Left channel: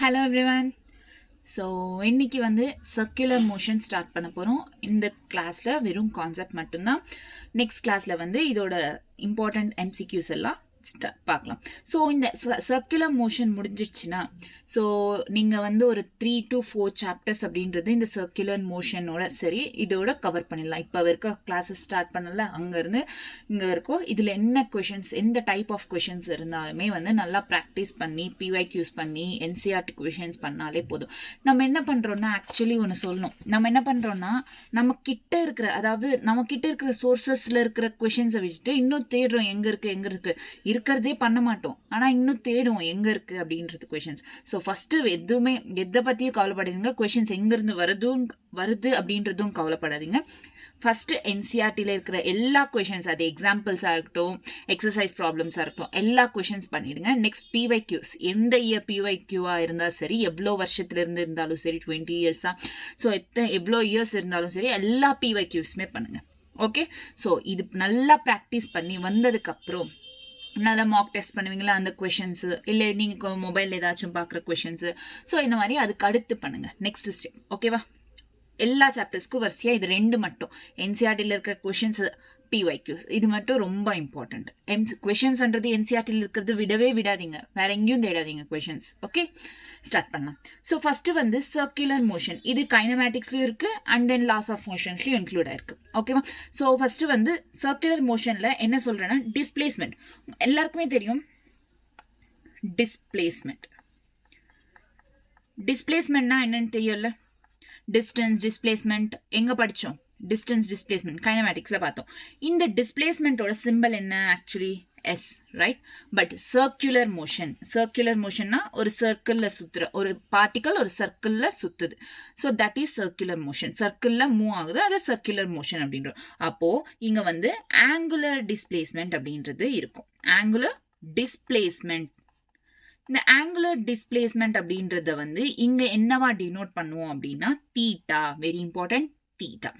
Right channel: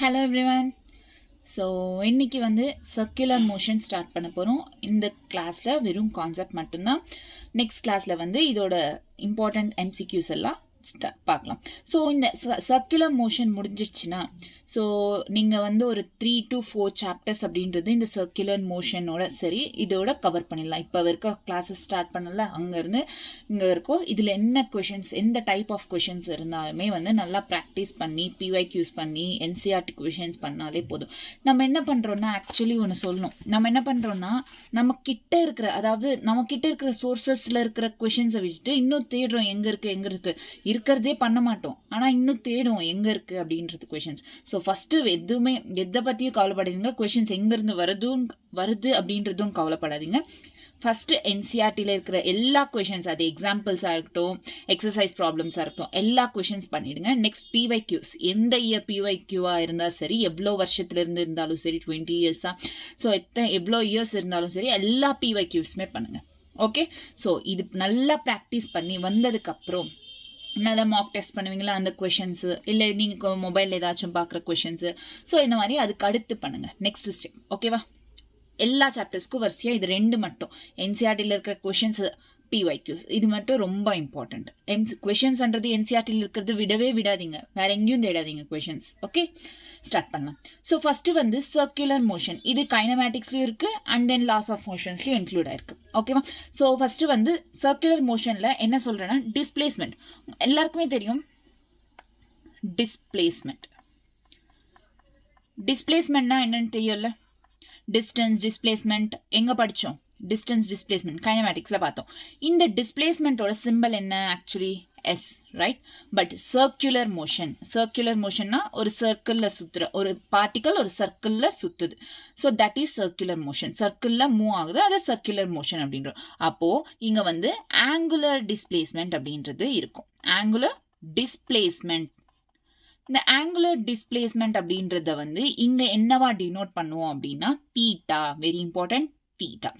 Hello everyone. So இன்னைக்கு வந்து circular motion start பண்ண போகிறோம். இந்த கிளாஸில் வெறும் கான்செப்ட் மட்டும்தான். நெக்ஸ்ட் கிளாஸில் வந்து இதோட இம்பார்ட்டண்ட் எம்சிக்யூஸ் எல்லாம் பார்க்கலாம். ஸோ இந்த சர்க்குலர் மோஷன் முடிஞ்சிடுச்சுன்னா ஸோ நீங்கள் வந்து ஒரு 3 to 4 சாப்டர்ஸ் அப்படின்றது இந்த சர்க்குலர் மோஷனோட சரி இதோட கவர் பண்ணிடலாம். இப்போ இருக்க கிளாஸஸ் ஸ்டார்ட் பண்ணல அங்கேருந்து இங்கே வரைக்கும் இதில் என்ன கொஷின்ஸ் எந்த டைப் ஆஃப் கொஷின்ஸ் இருந்தாலுமே வந்து நல்லா ப்ராக்டிஸ் பண்ணி பிஒய்க்யூஸ் பண்ணி என்சிஆர்டி கொஷின்ஸ் பண்ணாலே போதும். நம்ம என்ன பண்ணுறோன்னா ஆக்சுவலி ஒன்று சொல்லணும். நம்ம என்ன பண்ணுறோன்னா நம்மக்கிட்ட இருக்கிற சோர்சஸில் இருக்கிற கொஷின்ஸை விட்டுட்டு இன்னும் தேடுறோம் எங்கே இருக்குது இருக்கிறதே பண்ண மாட்டோம். ஆனால் இன்னும் தேடும் எங்கே இருக்குது அப்படின்றது கொஷின்ஸ். ஸோ ஃபஸ்ட்டு எதுவுமே எதை பற்றியும் கவலைப்படாதீங்க. கொஷின்ஸ் எங்கேருந்து வருது அப்படின்றதும் கவலைப்படாதீங்க. ஃபஸ்ட்டு என்சிஆர்டியில் இருக்கிற எல்லா கொஷின்ஸ், அது எக்ஸாம்பிள்ஸாக இருக்கட்டும், எக்ஸசைஸ் ப்ராப்ளம்ஸாக இருக்கட்டும், எல்லா கொஷின்ஸ் பண்ணிவிடுங்க. நெக்ஸ்ட் பிஒய்க்யூஸ், எந்த இயர் பிஒய்க்யூவாக இருந்தால் சரி, எவ்வளோ வருஷத்துலேருந்து இருந்தாலும் சரி, 20 இயர்ஸாக, ஸோ எவ்வளோ இயர்ஸ் இருந்தாலும் சரி, எல்லா பிஒய்க்யூஸுமே பண்ணுங்கள். ஓகே, ஸோ இது நல்லா ப்ராக்டிஸ் பண்ணி வந்ததுக்கப்புறம் நல்லா மார்க் டெஸ்ட் பண்ணுவீங்களா அந்த கொஷின்ஸு, இல்லை நீங்கள் மொபைலில் ஏதாச்சும் பார்க்குற கொஷின்ஸு, ஸோ இந்த மாதிரி அதுக்கு அடுத்து பண்ணுங்கள். நெக்ஸ்ட் ஸ்டெப் ஓகேவா. எல்லா சாப்டர்ஸ்க்கும் வரிசையாக இது 2 மட்டும் என்சிஆர்டியில் இருக்கிற கொஷின்ஸ் பிஒய்க்யூஸ் இது மட்டும் ரொம்ப இம்பார்ட்டண்ட். கொஷின்ஸ்ன்றது என்சிஆர்டியில் இருக்கிறது விடாதீங்க, வேற எங்கேயும் தேடாதீங்க கொஷின்ஸ். ஓகே, ஸ்டார்ட் பண்ணலாம். ஸோ ஃபஸ்ட்டு வந்து சர்க்குலர் மோஷன், இது கைனமேட்டிக்ஸ்லையும் இருக்குது அண்ட் தென் லாஸ் ஆஃப் மோஷன்ஸ்லையும் இன்க்ளூட் ஆயிருக்கு. ஓகேவா. ஸோ ஃபஸ்ட்டு வந்து சர்க்குலர் மோஷனில் என்ன சொல்கிறேன்னா டிஸ்பிளேஸ்மெண்ட். எல்லாருக்குமே தெரியும் டிஸ்பிளேஸ்மெண்ட்னா என்னன்னு தெரியும்ல. டிஸ்டன்ஸ் டிஸ்பிளேஸ்மெண்ட் எங்கே படித்தோம்? டிஸ்டன்ஸ் டிஸ்பிளேஸ்மெண்ட் கைனமேட்டிக்ஸில் பார்த்தோம். இந்த டிஸ்பிளேஸ்மெண்ட்டோட சிம்பிள் என்ன? Actually S, right. But circular மோஷன்னா ஒரு சர்க்கிளில் சுற்றுற ஒரு பார்ட்டிக்கல் ஒரு சர்க்கிளில் சுற்றுது. So that is circular motion. சர்க்கிளில் மூவ் ஆகுது, அது சர்க்குலர் மோஷன் அப்படின்றோம். அப்போது இங்கே வந்து ஆங்குலர் டிஸ்பிளேஸ்மெண்ட் அப்படின்றது இருக்கும். ஆங்குலர் டிஸ்பிளேஸ்மெண்ட், இந்த ஆங்குலர் டிஸ்பிளேஸ்மெண்ட் அப்படின்றத வந்து இங்கே என்னவா டினோட் பண்ணுவோம் அப்படின்னா theta. Very important, theta.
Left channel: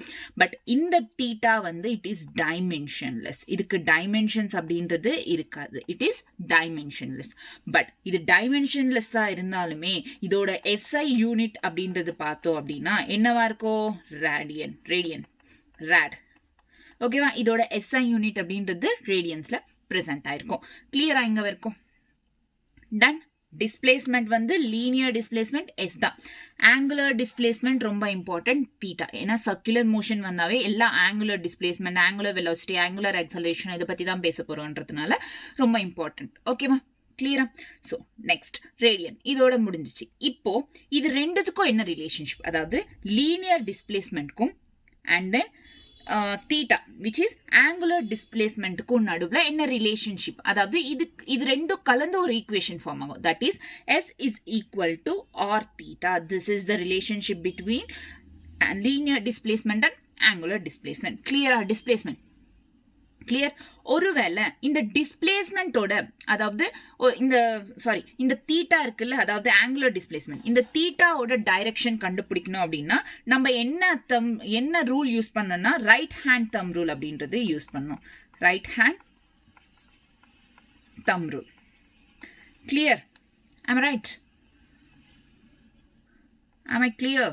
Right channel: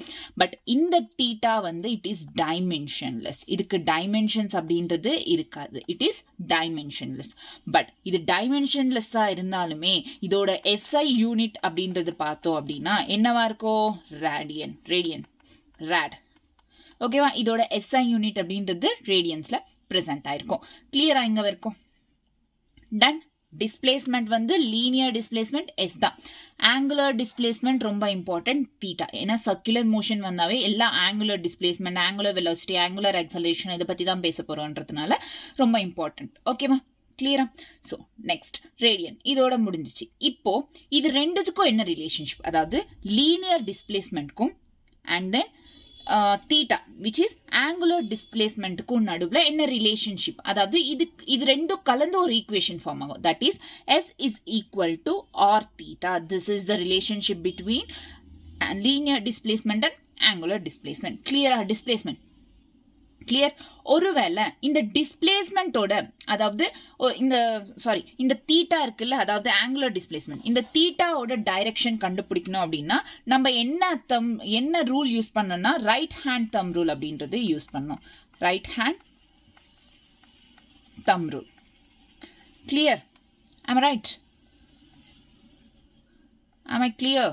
But இந்த தீட்டா வந்து இட் இஸ் டைமென்ஷன்லெஸ். இதுக்கு டைமென்ஷன்ஸ் அப்படின்றது இருக்காது. It is dimensionless. பட் இது டைமென்ஷன்லெஸ்ஸாக இருந்தாலுமே இதோட எஸ்ஐ யூனிட் அப்படின்றது பார்த்தோம் அப்படின்னா என்னவா இருக்கும்? ரேட். ஓகேவா. இதோட எஸ்ஐ யூனிட் அப்படின்றது ரேடியன்ஸில் ப்ரெசென்ட் ஆயிருக்கும். கிளியரா இங்கே வரைக்கும்? டன். டிஸ்பிளேஸ்மெண்ட் வந்து லீனியர் டிஸ்பிளேஸ்மெண்ட் எஸ் தான். ஆங்குலர் டிஸ்பிளேஸ்மெண்ட் ரொம்ப இம்பார்ட்டன்ட் தீட்டா. ஏன்னா சர்க்குலர் மோஷன் வந்தாவே எல்லா angular displacement, angular velocity, angular acceleration இதை பற்றி தான் பேச போகிறோன்றதுனால ரொம்ப இம்பார்ட்டன்ட். ஓகேவா, கிளியரா? ஸோ நெக்ஸ்ட் ரேடியன், இதோட முடிஞ்சிச்சு. இப்போ இது ரெண்டுத்துக்கும் என்ன ரிலேஷன்ஷிப்? அதாவது லீனியர் டிஸ்பிளேஸ்மெண்ட்க்கும் and then theta which is angular டிஸ்பிளேஸ்மெண்ட்டுக்கும் நடுவில் என்ன ரிலேஷன்ஷிப்? அதாவது இது ரெண்டும் கலந்து ஒரு ஈக்குவேஷன் ஃபார்ம் ஆகும். That is S is equal to R theta. This is the relationship between linear displacement and angular displacement. கிளியரா? Displacement clear. ஒருவேளை இந்த டிஸ்பிளேஸ்மெண்ட்டோட அதாவது இந்த தீட்டா இருக்குல்ல, அதாவது ஆங்குலர் டிஸ்பிளேஸ்மெண்ட், இந்த தீட்டாவோட டைரக்ஷன் கண்டுபிடிக்கணும் அப்படின்னா நம்ம என்ன ரூல் யூஸ் பண்ணோம்னா ரைட் ஹேண்ட் தம் ரூல் அப்படின்றது யூஸ் பண்ணோம். Right hand them rule. Clear? am I right? am I clear?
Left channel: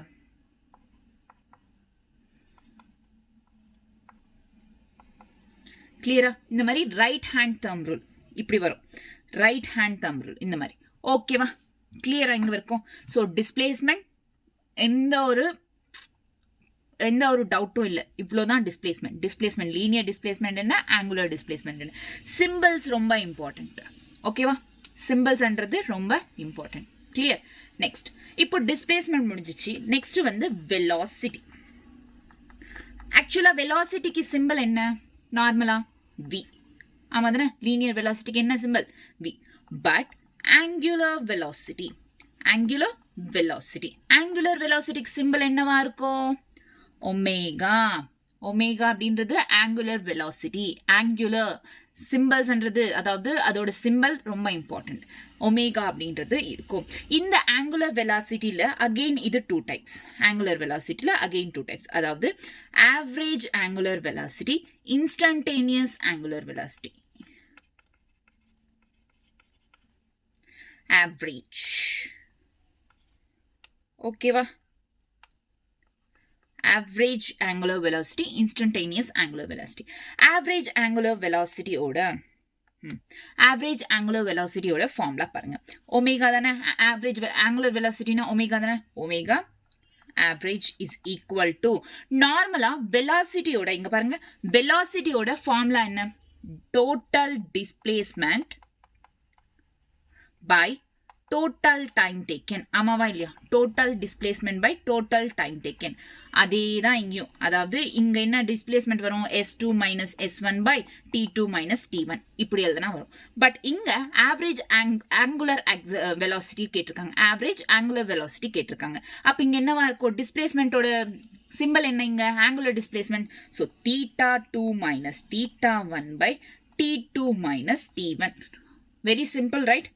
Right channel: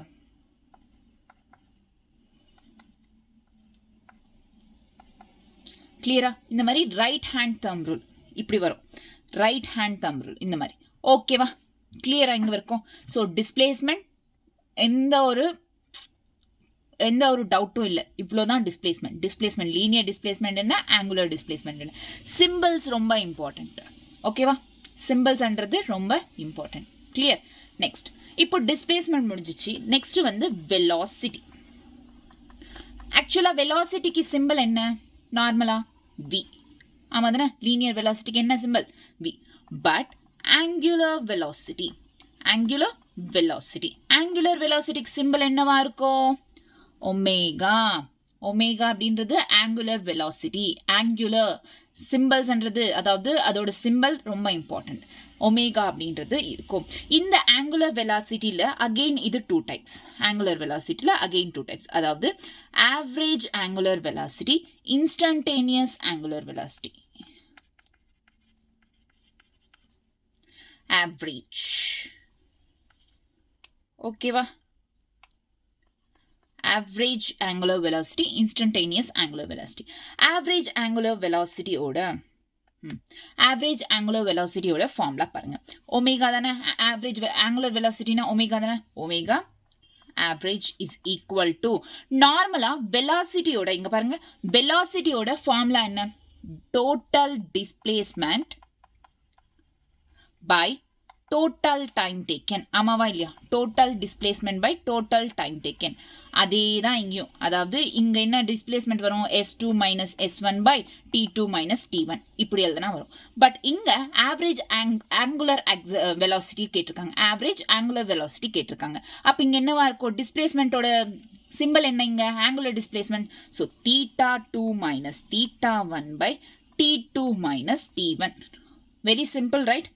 கிளியரா? இந்த மாதிரி ரைட் ஹேண்ட் தம் ரூல் இப்படி வரும். ரைட் ஹேண்ட் தம் ரூல் இந்த மாதிரி. ஓகேவா, கிளியரா இங்கே வரைக்கும்? ஸோ டிஸ்பிளேஸ்மெண்ட் எந்த ஒரு டவுட்டும் இல்லை. இவ்வளோதான் டிஸ்பிளேஸ்மெண்ட் லீனியர் டிஸ்பிளேஸ்மெண்ட் என்ன, ஆங்குலர் டிஸ்பிளேஸ்மெண்ட் என்ன. சிம்பிள்ஸ் ரொம்ப இம்பார்ட்டன்ட். ஓகேவா, சிம்பிள்ஸ்ன்றது ரொம்ப இம்பார்ட்டன்ட். கிளியர்? நெக்ஸ்ட் இப்போ டிஸ்பிளேஸ்மெண்ட் முடிஞ்சிச்சு. நெக்ஸ்ட் வந்து வெலாசிட்டி. ஆக்சுவலாக வெலாசிட்டிக்கு சிம்பிள் என்ன? நார்மலா v. ஆமா தானே? லீனியர் வெலாசிட்டிக்கு என்ன சிம்பிள்? v. பட் ஆங்குலர் வெலாசிட்டிக்கு சிம்பிள் என்னவா இருக்கும்? ஒமேகா. அப்படின்றது ஆங்குலர் வெலாசிட்டி. ஆங்குலர் சிம்பிள்ஸ்ன்றது அதாவது அதோட சிம்பிள் ரொம்ப இம்பார்ட்டன்ட். ஒமேகா அப்படின்றது இருக்கும். இந்த ஆங்குலர் வெலாசிட்டியில் அகெயின் இது 2 டைப்ஸ். ஆங்குலர் வெலாசிட்டியில் அகெயின் 2 டைப்ஸ். அதாவது average angular velocity, instantaneous angular velocity. Average ஓகேவா? average angular velocity, instantaneous angular velocity. average angular velocity ஓட average angular velocity ஓட ஃபார்முலா பாருங்க. ஒமேகா தானே average angular velocity னா ஒமேகா தானே, omega average is equal to நார்மலா velocity ஓட இங்க பாருங்க, velocity ஓட ஃபார்முலா என்ன? total displacement by total time taken. ஆமாவா இல்லையா? total displacement by total time taken. அதே தான் இங்கேயும், அதாவது இங்க என்ன டிஸ்பிளேஸ்மெண்ட் வரும்? s2 minus s1 by t2 minus t1 இப்படி எழுதுனா வரும். பட் இங்க ஆவரேஜ் ஆங்குலர் வெலாசிட்டி கேட்டிருக்காங்க, ஆவரேஜ் ஆங்குலர் வெலாசிட்டி கேட்டிருக்காங்க. அப்ப இங்க என்னவா இருக்கும்? டிஸ்பிளேஸ்மெண்டோட சிம்பிள் என்ன இங்க? Angular displacement. So θ2 minus θ1 by t2 minus t1. Very simple, right?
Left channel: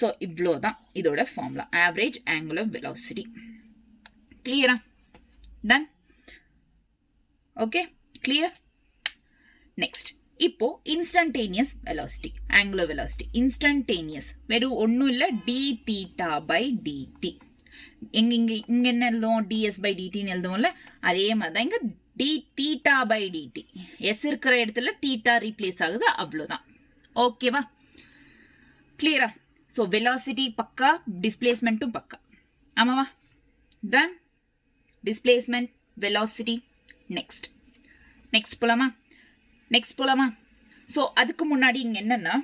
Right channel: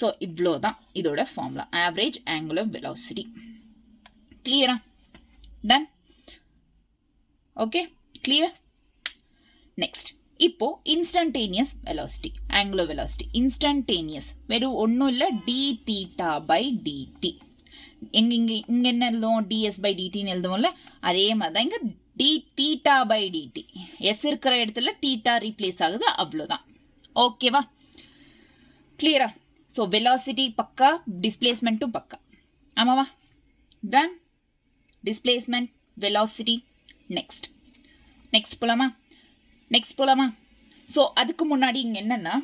So இவ்வளோ தான் இதோட ஃபார்முலா, ஆவரேஜ் ஆங்குலர் வெலாசிட்டி. கிளியரா? Done? Okay, clear? Next, இப்போ instantaneous velocity, angular velocity. Instantaneous வெறும் ஒன்றும் இல்லை, d theta by dt. இங்க என்ன எழுதுவோம்? ds by dt எழுதுவோம்ல, அதே மாதிரி தான் இங்க d theta by dt. s இருக்கிற இடத்துல theta replace ஆகுது, அவ்வளோதான். ஓகேவா? கிளியரா? ஸோ வெலாசிட்டி பக்கா, டிஸ்பிளேஸ்மெண்ட்டும் பக்கா. ஆமாவா? டன்? displacement, velocity. next போலாமா? so அதுக்கு முன்னாடி இங்க என்னன்னா,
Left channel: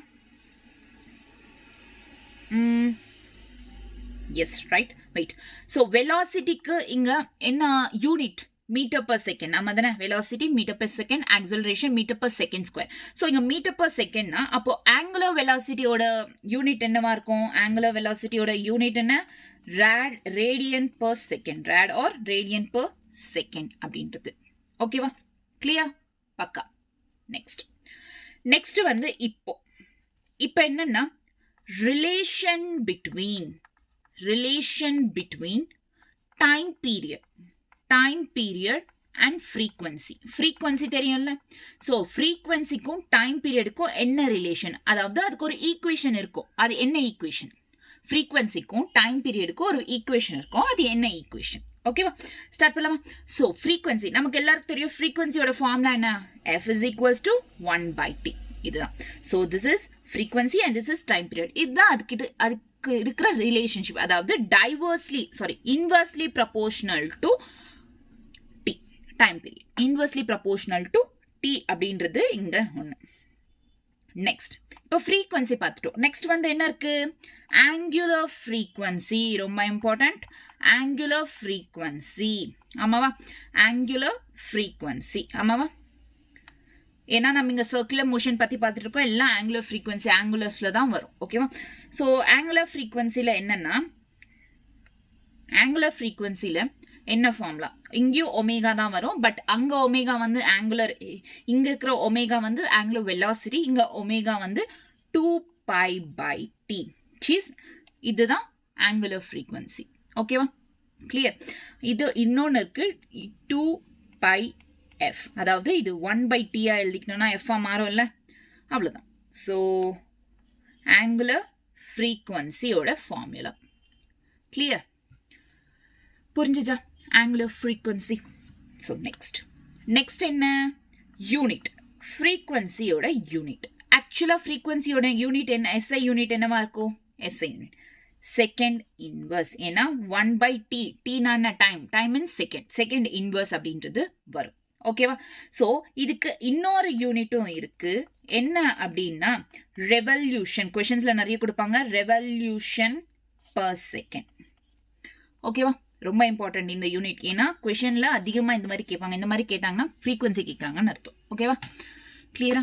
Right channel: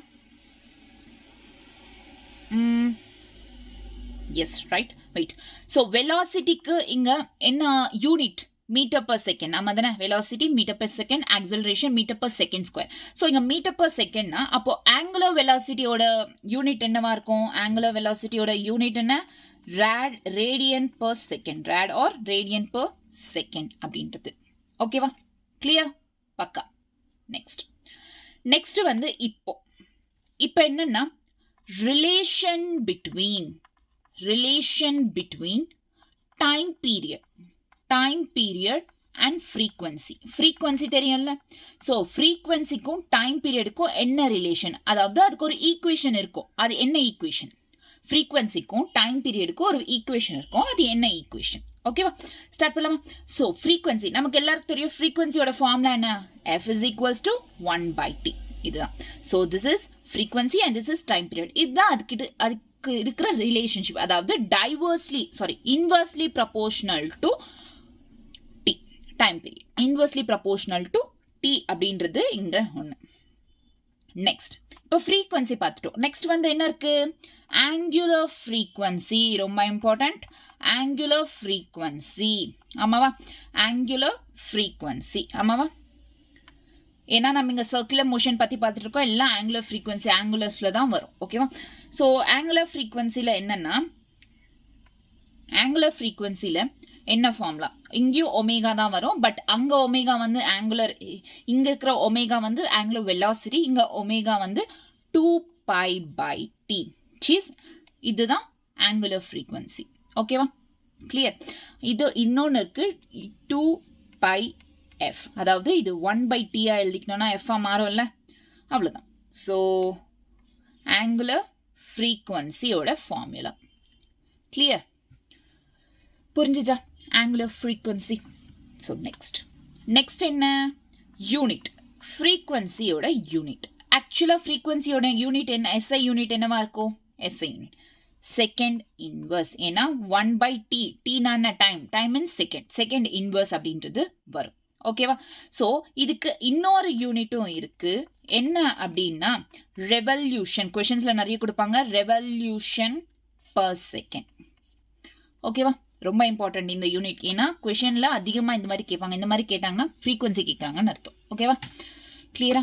yes, right, wait. so velocityக்கு இங்க என்ன யூனிட்? Metre per second. ஆமா தானே? velocity metre per second, acceleration metre per second square. so இங்க மீட்டர் per secondனா அப்போ angular velocityயோட யூனிட் என்னவா இருக்கும்? angular velocityயோட யூனிட் என்ன? radian per second, rad or radian per second அப்படின்றது. ஓகேவா? கிளியர்? பக்கா. நெக்ஸ்ட் வந்து இப்போ என்னன்னா, relation between time period and frequency தெரியும்ல? ஸோ ஃப்ரீக்வன்சிக்கும் டைம் பீரியடுக்கும் என்ன ரிலேஷன்? அதாவது அதுக்கு ஒரு ஈக்குவேஷன் இருக்கும். அது என்ன ஈக்குவேஷன்? ஃப்ரீக்வன்சிக்கும் டைம் பீரியடுக்கும் ஒரு ஈக்குவேஷன் இருக்கும். அது என்ன ஈக்குவேஷன்? ஓகேவா? ஸ்டார்ட் பண்ணலாமா? ஸோ ஃப்ரீக்வன்சி நமக்கு எல்லாருக்கும் தெரியும். ஃப்ரீக்வன்சியோட ஃபார்முலா என்ன? f is equals to 1 by t. இதுதான். So this is frequency and this is time period. இதுதான் அதுக்கு இருக்கிற ரிலேஷன்ஷிப். அதாவது inversely proportional to t time period. Inversely proportional to t அப்படின்றது இங்க ஒன்று. நெக்ஸ்ட் இப்போ ஃப்ரீக்வன்சி பார்த்துட்டோம். நெக்ஸ்ட் வந்து என்ன இருக்கு? angular frequency. ரொம்ப இம்பார்ட்டன்ட். angular frequency. ஆமாவா? angular frequency. ஆமாவா? ஏன்னா நம்ம இங்க சர்க்குலர் மோஷன் பத்தி பார்த்துட்டு இருக்கோம். எல்லாம் angular frequency, angularஸ்ல தான் வரும். ஓகேவா? ஸோ angular frequencyல என்னன்னா, angular frequencyல என்ன ஃபார்முலா? இங்கேயும் ஒமேகா தான் வரும். பட் அங்க ஒமேகா வந்து ஆங்குலர், இங்க இருக்கிற ஒமேகா வந்து ஆங்குலர் வெலாசிட்டி, இங்க ஒமேகா வந்து 2 pi by t. இதுதான் ஆங்குலர் ஃப்ரீக்வன்சி. ஓகேவா? கிளியர்? இது இன்னொன்று இருக்கு, 2 pi f. அதாவது இது 1 by t எழுதிக்கணும்னா f மாறும்ல, அவ்வளவுதான். ஸோ ஆங்குலர் ஃப்ரீக்வன்சியோட ஃபார்முலா. கிளியர்? புரிஞ்சுச்சா? Angular frequency. ஸோ நெக்ஸ்ட் என்ன? யூனிட். ஃப்ரீக்வன்சியோட யூனிட். ஆக்சுவலாக ஃப்ரீக்வன்சியோட யூனிட் என்ன? எஸ்ஐ யூனிட் என்னவா இருக்கும்? SI unit. Second inverse. ஏன்னா 1 by t. t-னா என்ன? டைம் இன் செகண்ட் இன்வர்ஸ் அப்படின்றது வரும். ஓகேவா? ஸோ இதுக்கு இன்னொரு யூனிட்டும் இருக்கு. என்ன அப்படின்னா ரெவல்யூஷன். கொஷின்ஸ்ல நிறைய கொடுப்பாங்க. Revolution per second. ஓகேவா? ரொம்ப இம்பார்ட்டன்ட் இந்த யூனிட். ஏன்னா கொஷின்ல அதிகமாக இந்த மாதிரி கேட்பாங்க. இந்த மாதிரி கேட்டாங்கன்னா ஃப்ரீக்வன்சி கேட்குறாங்கன்னு அர்த்தம். ஓகேவா? கிளியரா?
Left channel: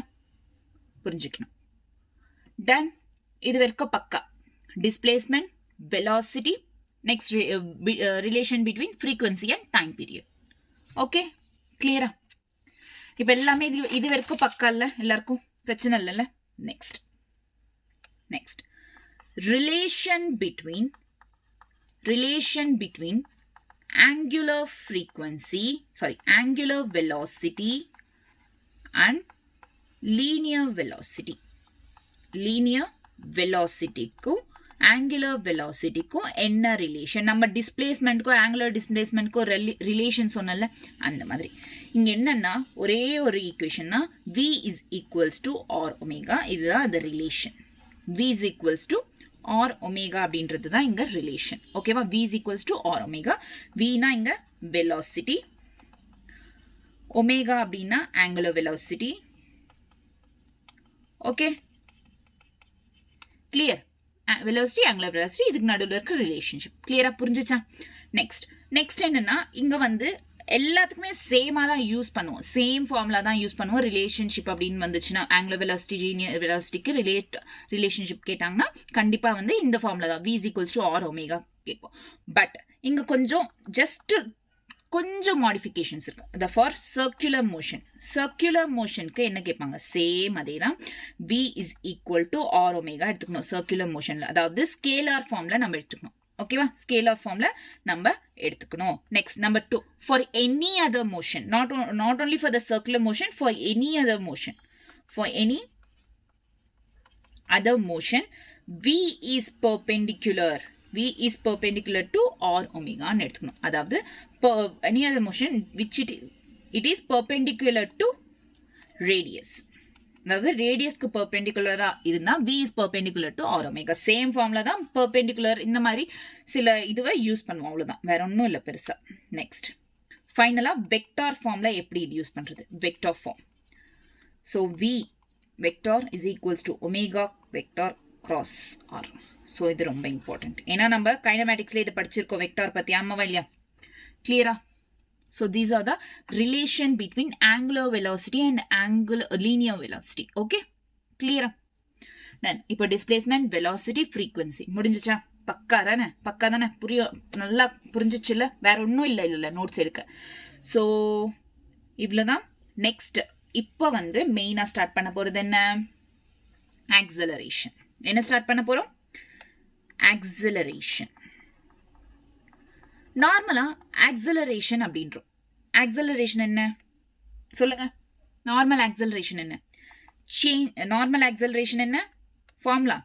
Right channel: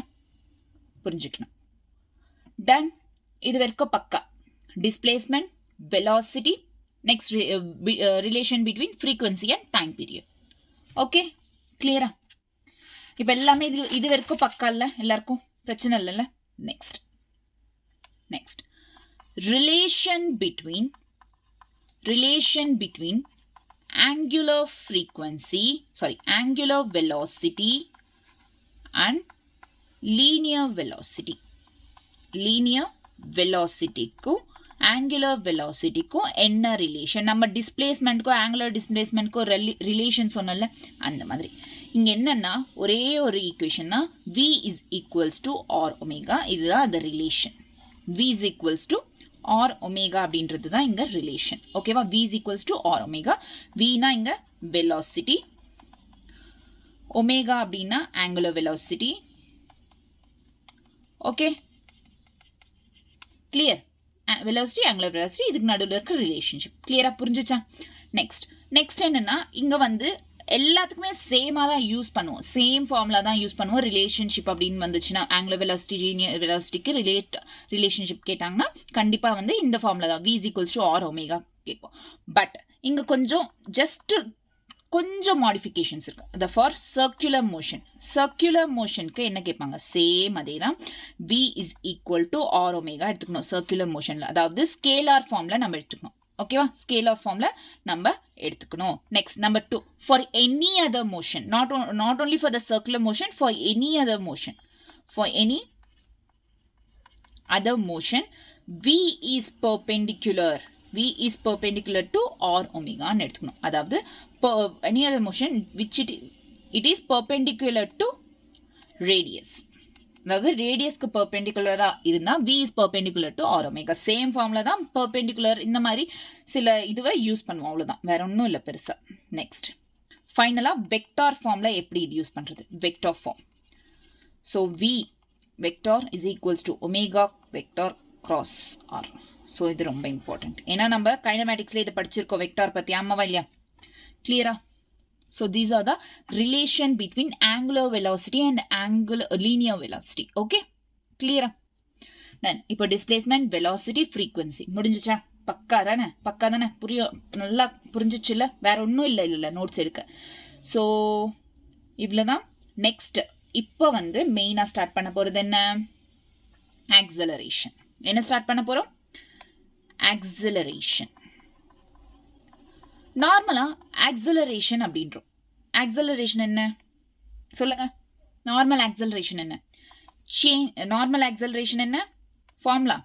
புரிஞ்சுக்கணும். டன். இது வரைக்கும் பக்கா. displacement, velocity, next relation between frequency and time period. Okay, clear? இப்போ எல்லாமே இது வரைக்கும் பக்கா இல்ல, எல்லாருக்கும் பிரச்சனை இல்லைல்ல? next relation between angular velocity and linear velocity. க்கு ஆங்குலர் வெலாசிட்டிக்கும் என்ன ரிலேஷன், நம்ம டிஸ்பிளேஸ்மெண்ட்க்கும் ஆங்குலர் டிஸ்பிளேஸ்மெண்ட்க்கும் ரிலேஷன் சொன்னல அந்த மாதிரி. இங்கே என்னன்னா ஒரே ஒரு ஈக்குவேஷன் தான், v is equals to r omega. இதுதான் அந்த relation. v is equals to r omega அப்படின்றது தான் இங்கே ரிலேஷன். ஓகேவா? v is equals to r omega. vனா இங்கே வெலாசிட்டி, ஒமேகா அப்படின்னா angular velocity. Okay, clear? Velocity, angular velocity, இதுக்கு நடுவில் இருக்க ரிலேஷன்ஷிப். கிளியரா புரிஞ்சுச்சா? நெக்ஸ்ட் என்னன்னா இங்க வந்து எல்லாத்துக்குமே சேமா தான் யூஸ் பண்ணுவோம், சேம் ஃபார்முலா தான் யூஸ் பண்ணுவோம். ரிலேஷன்ஷிப் அப்படின்னு வந்துச்சுன்னா ஆங்குலர் வெலாசிட்டி லீனியர் வெலாசிட்டிக்கு ரிலேஷன்ஷிப் கேட்டாங்கன்னா கண்டிப்பா வந்து இந்த ஃபார்முலா தான், v is equals to r omega கேட்போம். பட் இங்க கொஞ்சம் மாடிஃபிகேஷன்ஸ் இருக்கு. the for circular motionக்கு என்ன கேட்பாங்க, சேம் அதே தான், v is equal to r omega எடுத்துக்கணும் சர்க்குலர் மோஷன்ல. அதாவது ஸ்கேலார் ஃபார்ம்ல நம்ம எடுத்துக்கணும். ஓகேவா? ஸ்கேலார் ஃபார்ம்ல நம்ம எடுத்துக்கணும். Next number 2, for any other motion, not only for the circular motion, for any other motion, v is perpendicular to r omega ன்னு எடுத்துக்கணும். அதாவது any other motion which it is perpendicular to radius. அதாவது ரேடியஸ்க்கு பெர்பெண்டிகுலரா இருந்தா v is perpendicular to r omega. Same ஃபார்ம்ல தான் perpendicular இந்த மாதிரி சில இதுவை யூஸ் பண்ணுவோம், அவ்வளவுதான், வேற ஒன்றும் இல்லை பெருசா. நெக்ஸ்ட் ஃபைனலா வெக்டார் ஃபார்ம்ல எப்படி இது யூஸ் பண்றது, vector form. So v vector is equals to omega vector cross r. So இது ரொம்ப இம்பார்ட்டன்ட், ஏன்னா நம்ம கைனமேட்டிக்ஸ்ல இதை படிச்சிருக்கோம் வெக்டார் பத்தி, ஆமாவா இல்லையா? கிளியரா? So these are the relation between angular velocity and linear velocity. Okay? Clear? Then இப்போ displacement, velocity, frequency முடிஞ்சுச்சா? பக்கா தானே? நல்லா புரிஞ்சிச்சுல்ல? வேற ஒன்றும் இல்லை நோட்ஸ் எடுக்க. ஸோ இவ்வளோதான். நெக்ஸ்ட் இப்போ வந்து மெயினாக ஸ்டார்ட் பண்ண போகிறது என்ன, ஆக்சலரேஷன். என்ன ஸ்டார்ட் பண்ண போகிறோம்? ஆக்சலரேஷன். நார்மலா ஆக்சலரேஷன் அப்படின்றோம். ஆக்சலரேஷன் என்ன சொல்லுங்க? நார்மல் ஆக்சலரேஷன் என்ன? ஃபார்முலா,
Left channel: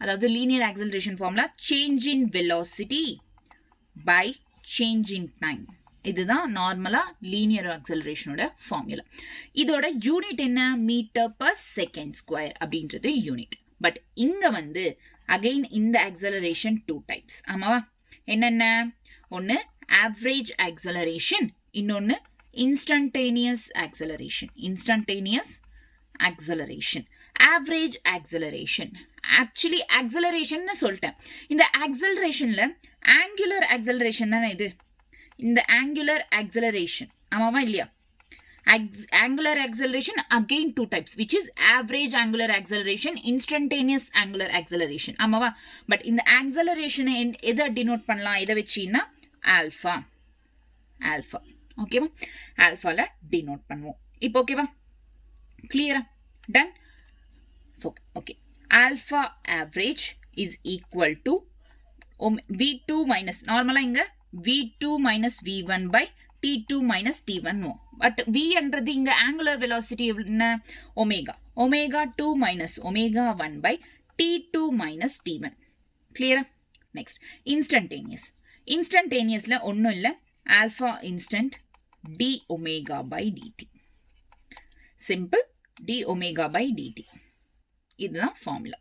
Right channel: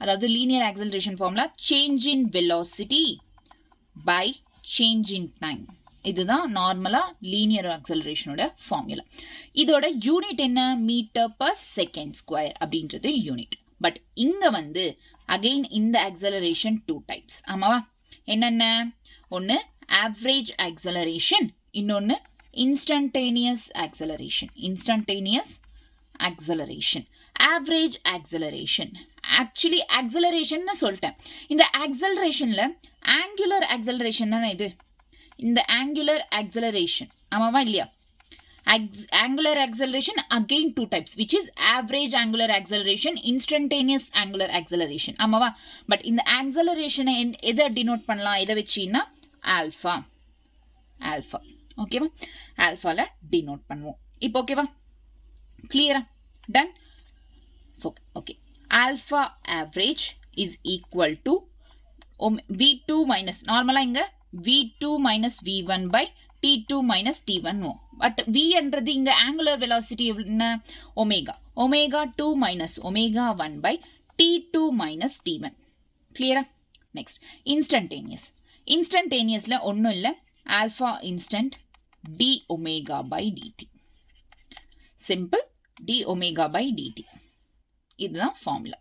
அதாவது linear acceleration formula, change in velocity by change in time. இதுதான் நார்மலா லீனியர் ஆக்சலரேஷனோட ஃபார்முலா. இதோட யூனிட் என்ன, மீட்டர் பர் செகண்ட் ஸ்கொயர் அப்படின்றது யூனிட். பட் இங்க வந்து அகைன் இந்த ஆக்சலரேஷன் 2 டைப்ஸ். ஆமாவா? என்னென்ன? ஒன்று ஆவரேஜ் ஆக்சலரேஷன், இன்னொன்று instantaneous acceleration. Average acceleration actually acceleration சொல்லிட்டேன். இந்த ஆக்சலரேஷன்ல ஆங்குலர் ஆக்சலரேஷன் தானே இது, இந்த ஆங்குலர் ஆக்சலரேஷன், ஆமாவா இல்லையா? angular acceleration again 2 types, which is average angular acceleration, instantaneous angular acceleration. ஆமாவா? பட் இந்த ஆக்சலரேஷனை எதை டினோட் பண்ணலாம், எதை வச்சுன்னா ஆல்ஃபா. ஓகேவா? ஆல்ஃபால டினோட் பண்ணுவோம். இப்போ ஓகேவா? கிளியரா? Done. So okay, alpha average is equal to v2 minus, நார்மலா இங்க v2 minus v1 by t2 minus t1. But v என்றது இங்க ஆங்குலர் வெலாசிட்டி என்ன, omega. Omega 2 minus omega 1 by t2 minus t1. கிளியரா? நெக்ஸ்ட் இன்ஸ்டன்டேனியஸ்ல ஒன்றும் இல்லை, alpha instant d omega by dt. Simple, d omega by dt. இதுதான் formula.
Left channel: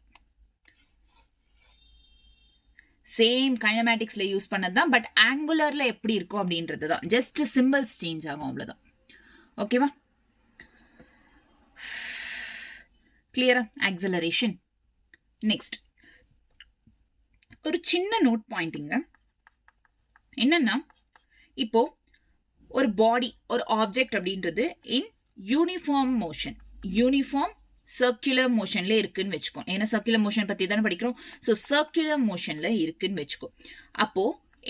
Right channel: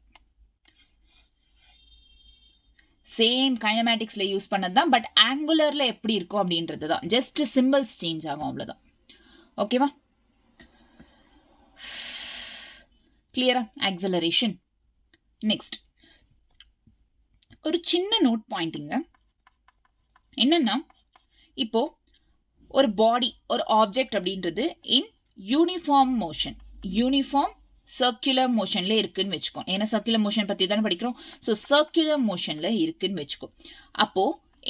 Same கைனமேட்டிக்ஸ்ல use பண்ணதுதான், பட் ஆங்குலர்ல எப்படி இருக்கும் அப்படின்றது தான், ஜஸ்ட் சிம்பிள்ஸ் சேஞ்ச் ஆகும், அவ்வளவுதான். ஓகேவா? கிளியரா? ஆக்சலரேஷன். நெக்ஸ்ட் ஒரு சின்ன நோட் பாயிண்டிங்க, என்னன்னா இப்போ ஒரு பாடி, ஒரு ஆப்ஜெக்ட் அப்படின்றது in uniform motion, uniform circular மோஷன்ல இருக்குன்னு வச்சுக்கோ. ஏன்னா சர்க்குலர் மோஷன் பத்தி தானே படிக்கிறோம். ஸோ சர்க்குலர் மோஷன்ல இருக்குன்னு வச்சுக்கோ. அப்போ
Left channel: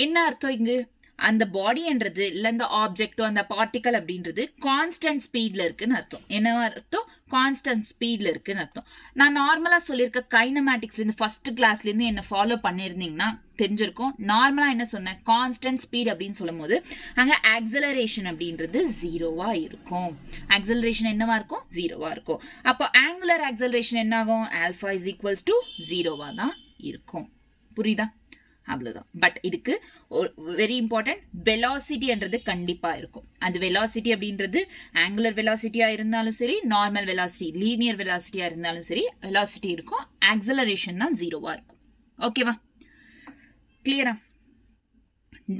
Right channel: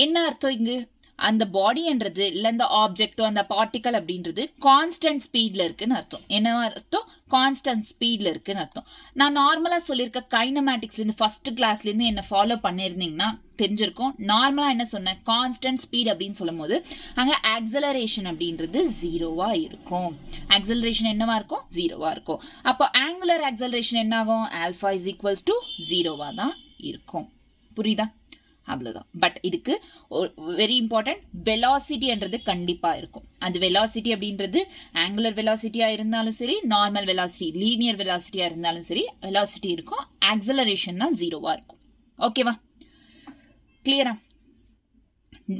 என்ன அர்த்தம் இங்கு, அந்த பாடின்றது இல்லை அந்த ஆப்ஜெக்டோ அந்த பார்ட்டிக்கல் அப்படின்றது கான்ஸ்டன்ட் ஸ்பீட்ல இருக்குன்னு அர்த்தம். என்ன அர்த்தம்? கான்ஸ்டன்ட் ஸ்பீட்ல இருக்குன்னு அர்த்தம். நான் நார்மலா சொல்லியிருக்க கைனமேட்டிக்ஸ்ல இருந்து ஃபர்ஸ்ட் கிளாஸ்ல இருந்து என்ன ஃபாலோ பண்ணியிருந்தீங்கன்னா தெரிஞ்சிருக்கும். நார்மலா என்ன சொன்னேன், கான்ஸ்டன்ட் ஸ்பீட் அப்படின்னு சொல்லும் போது அங்க ஆக்சலரேஷன் அப்படின்றது 0வா இருக்கும். ஆக்சலரேஷன் என்னவா இருக்கும்? 0வா இருக்கும். அப்போ ஆங்குலர் ஆக்சலரேஷன் என்ன ஆகும்? ஆல்ஃபா இஸ் ஈக்குவல்ஸ் டு 0வா தான் இருக்கும். புரியுதா? அவ்வளோதான். பட் இதுக்கு வெரி இம்பார்ட்டன்ட் வெலாசிட்டின்றது கண்டிப்பாக இருக்கும். அந்த வெலாசிட்டி அப்படின்றது ஆங்குலர் வெலாசிட்டியாக இருந்தாலும் சரி, நார்மல் வெலாசிட்டி லீனியர் வெலாசிட்டியாக இருந்தாலும் சரி, வெலாசிட்டி இருக்கும். ஆக்சலரேஷன் தான் 0வா இருக்கும். ஓகேவா? கிளியரா?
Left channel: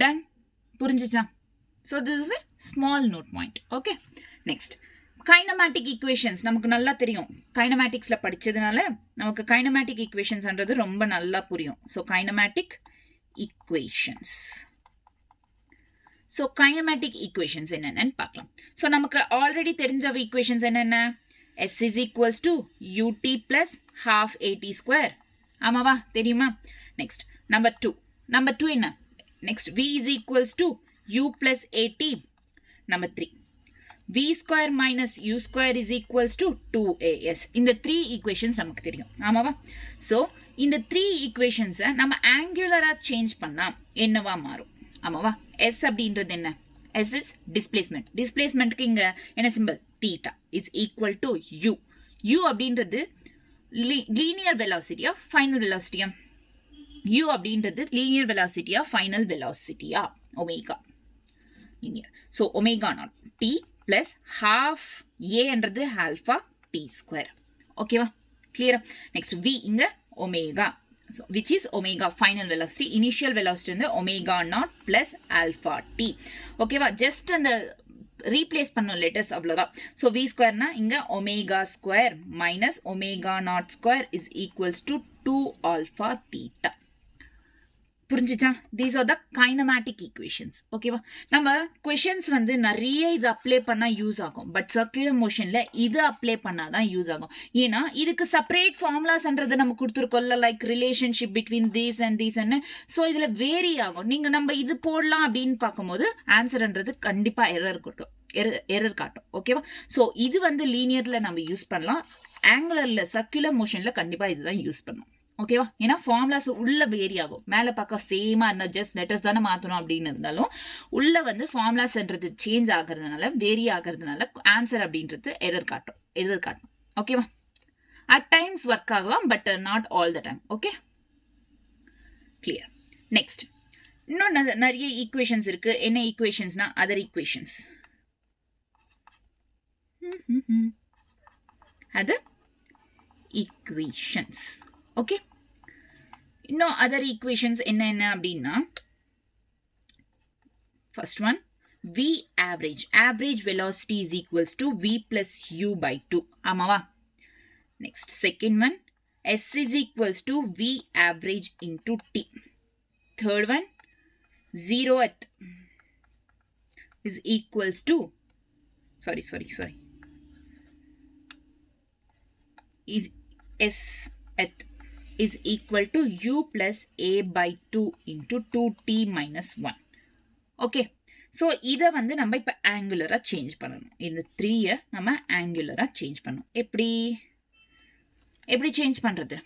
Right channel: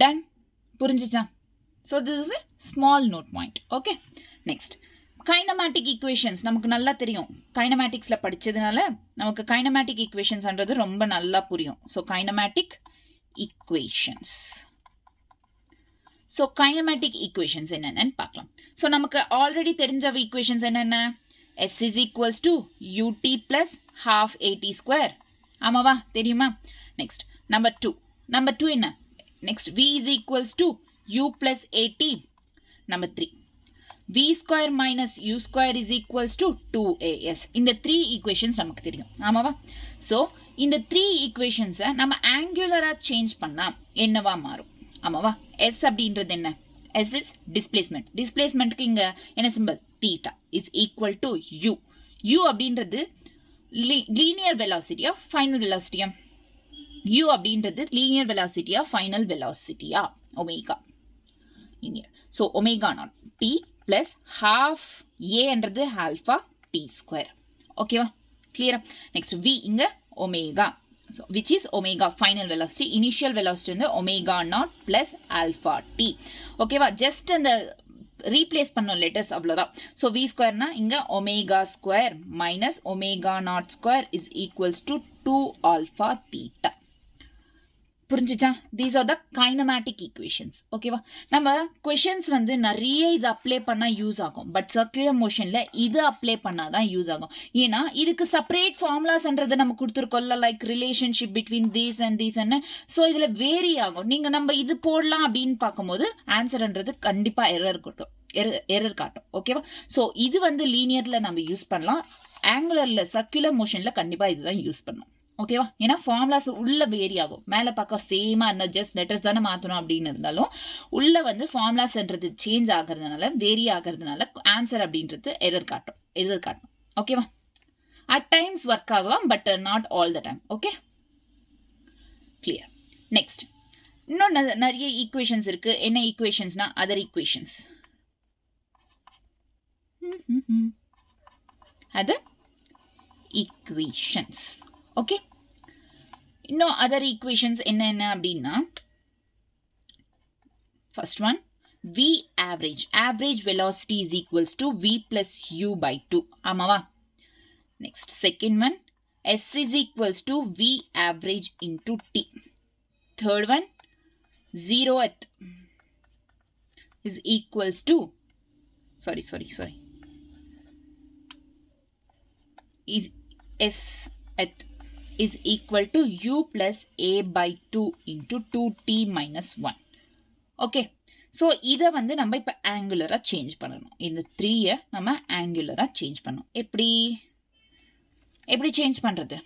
டன்? புரிஞ்சுச்சா? So this is a small note point. Okay, next kinematic equations. நமக்கு நல்லா தெரியும், கைனமேட்டிக்ஸில் படித்ததுனால நமக்கு கைனமேட்டிக் ஈக்குவேஷன்ஸ்ன்றது ரொம்ப நல்லா புரியும். So kinematic equations. So kinematic equations என்னன்னு பார்க்கலாம். So நமக்கு ஆல்ரெடி தெரிஞ்ச equations என்னென்ன? S is equals to ut plus half at square. ஆமாவா? தெரியுமா? Next number 2 என்ன? Next v is equals to u plus at. Number 3 v square minus u square is equals to 2as. இந்த 3 equations நமக்கு தெரியும். ஆமாவா? So இந்த 3 equations நம்ம angular-ஆ change பண்ணா என்னவா மாறும்? ஆமாவா? s அப்படின்றது என்ன? s is displacement. Displacementக்கு இங்க என்ன symbol? theta is equal to u. u அப்படின்றது linear velocity-யா final velocity-யா? u அப்படின்றது linear velocity-யா final velocity-யா? omega. linear. So omega naught t plus half a என்றது alpha t square. ஓகேவா? clear? Next v இங்க omega. So which is omega final velocity. Initial velocity வந்து omega naught plus alpha t. ஓகேவா? just அந்த replace பண்ணும் letters அவ்வளோதான். So v square னா இங்க omega square minus omega naught square is equals to 2 alpha theta. புரிஞ்சுச்சா? these are the kinematic equations. ஓகேவா? நம்ம questions வந்து நிறைய இது அப்ளை பண்ணா யூஸ் ஆகும். பட் சர்க்குலர் மோஷன்ல இது அப்ளை பண்ணாதான் யூஸ் ஆகும். ஏன்னா இதுக்கு செப்பரேட் ஃபார்முலாஸ்ன்றது நம்ம கொடுத்துருக்கோம்ல, like relationship between these and தீஸ்ன்னு. ஸோ இதுல வேரி ஆகும். நீங்க நம்ம இது போடலாம் அப்படின்னு பார்க்கும்போது ஆன்சர்ன்றது கண்டிப்பா எரர் காட்டும். ஓகேவா? ஸோ இது வந்து லீனியர்ல நம்ம யூஸ் பண்ணலாம். ஆங்குலர்ல சர்க்குலர் மோஷன்ல கண்டிப்பா இதுதான் யூஸ் பண்ணணும். ஓகேவா? ஏன்னா ஃபார்முலாஸ் உள்ள வேரி ஆகும். மேலே பார்க்க சேமா இருந்தால் ஜஸ்ட் லெட்டர்ஸ் தானே மாற்றணும் அப்படின்னு இருந்தாலும் உள்ள வந்து ஃபார்முலாஸ்ன்றது சேஞ்ச் ஆகிறதுனால வேரி ஆகிறதுனால ஆன்சர் அப்படின்றது எரர் காட்டும். ஓகேவா? அட் டைம்ஸ் ஒர்க் ஆகலாம், but not all the time. Okay, clear. Next இன்னும் நிறைய ஈக்குவேஷன்ஸ் இருக்கு. என்ன ஈக்குவேஷன்ஸ்னா other equations. Other equations. Okay, இன்னும் அதர் ஈக்குவேஷன்ஸ் என்ன அப்படின்னா, first one v average velocity is equals to v plus u by 2. ஆமாவா? Next second one s is equals to v average into t. Third one 0th is equals to sorry is sth is equal to u plus a by 2 into 2t minus 1. Okay, so இதை வந்து நம்ம இப்போ ஆங்குலராக change பண்ணணும். இந்த 3-ஐ நம்ம ஆங்குலராக change பண்ணணும். எப்படி change பண்ணுறது?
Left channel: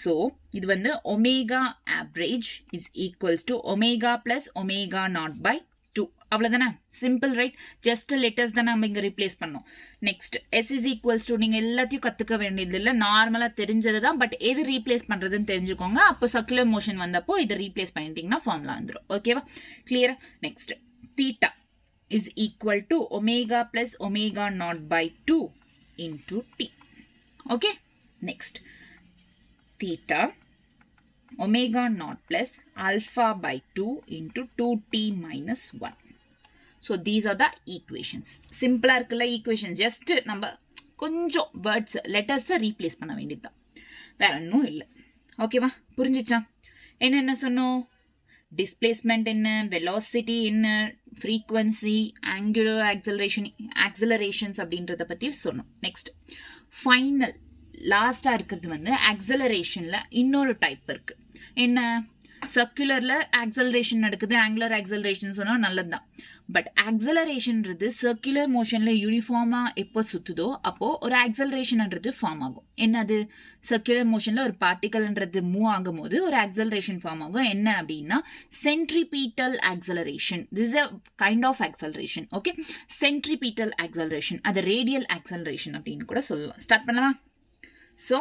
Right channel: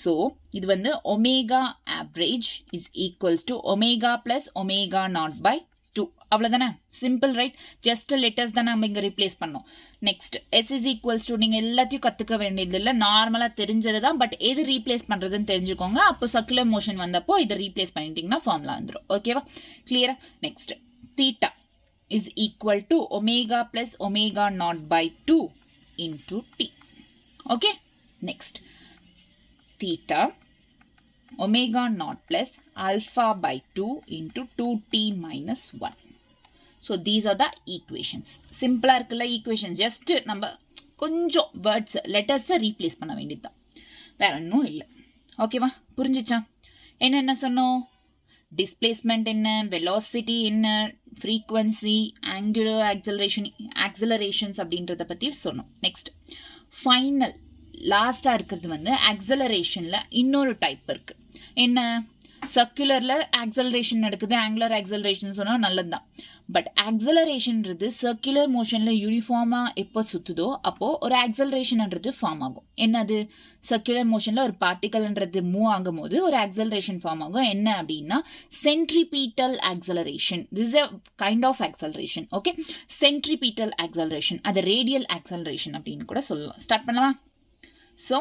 ஸோ இது வந்து omega average is equals to omega plus omega naught by 2. அவ்வளோதானே? Simple, right? ஜஸ்ட் லெட்டர்ஸ் தான் நம்ம இங்கே ரீப்ளேஸ் பண்ணோம். Next s is equals to நீங்கள் எல்லாத்தையும் கற்றுக்க வேண்டியது இல்லை, நார்மலாக தெரிஞ்சது தான். பட் எது ரீப்ளேஸ் பண்ணுறதுன்னு தெரிஞ்சுக்கோங்க. அப்போ சர்க்குலர் மோஷன் வந்தப்போ இதை ரீப்ளேஸ் பண்ணிட்டீங்கன்னா ஃபார்முலா வந்துடும். ஓகேவா? கிளியரா? Next theta is equal to omega plus omega naught by 2 into t. Okay, next theta omega naught plus alpha by 2 into 2t minus 1. So these are the equations. Simple இருக்குல்ல equations. Just நம்ம கொஞ்சம் words letters replace பண்ண வேண்டியதுதான், வேற ஒன்றும் இல்லை. ஓகேவா? புரிஞ்சிச்சா? என்னென்ன சொன்னோம்? டிஸ்பிளேஸ்மெண்ட் என்ன, வெலாசிட்டி என்ன, ஃப்ரீக்வன்சி, ஆங்குலர் ஆக்சலரேஷன்ஸ் அப்படின்றத பற்றி சொன்னோம். நெக்ஸ்ட் ஃபைனல் லாஸ்டாக இருக்கிறது வந்து ஆக்சலரேஷனில் இன்னொரு டைப் இருக்குது. என்ன? சர்க்குலரில் ஆக்சலரேஷன் நடக்குது, ஆங்குலர் ஆக்சலரேஷன் சொன்னால் நல்லது தான். பட் ஆக்சலரேஷன்றது சர்க்குலர் மோஷனில் யூனிஃபார்மாக எப்போ சுற்றுதோ அப்போது ஒரு ஆக்சலரேஷன்ன்றது ஃபார்ம் ஆகும். என்னது? சர்க்குலர் மோஷனில் ஒரு பார்ட்டிகல்ன்றது மூவ் ஆகும் போது ஒரு ஆக்சலரேஷன் ஃபார்ம் ஆகும். என்ன அப்படின்னா centripetal acceleration. This a kind of acceleration. Okay, centripetal acceleration, அது ரேடியல் ஆக்சலரேஷன் அப்படின்னு கூட சொல்லலாம். ஸ்டார்ட் பண்ணலாம். ஸோ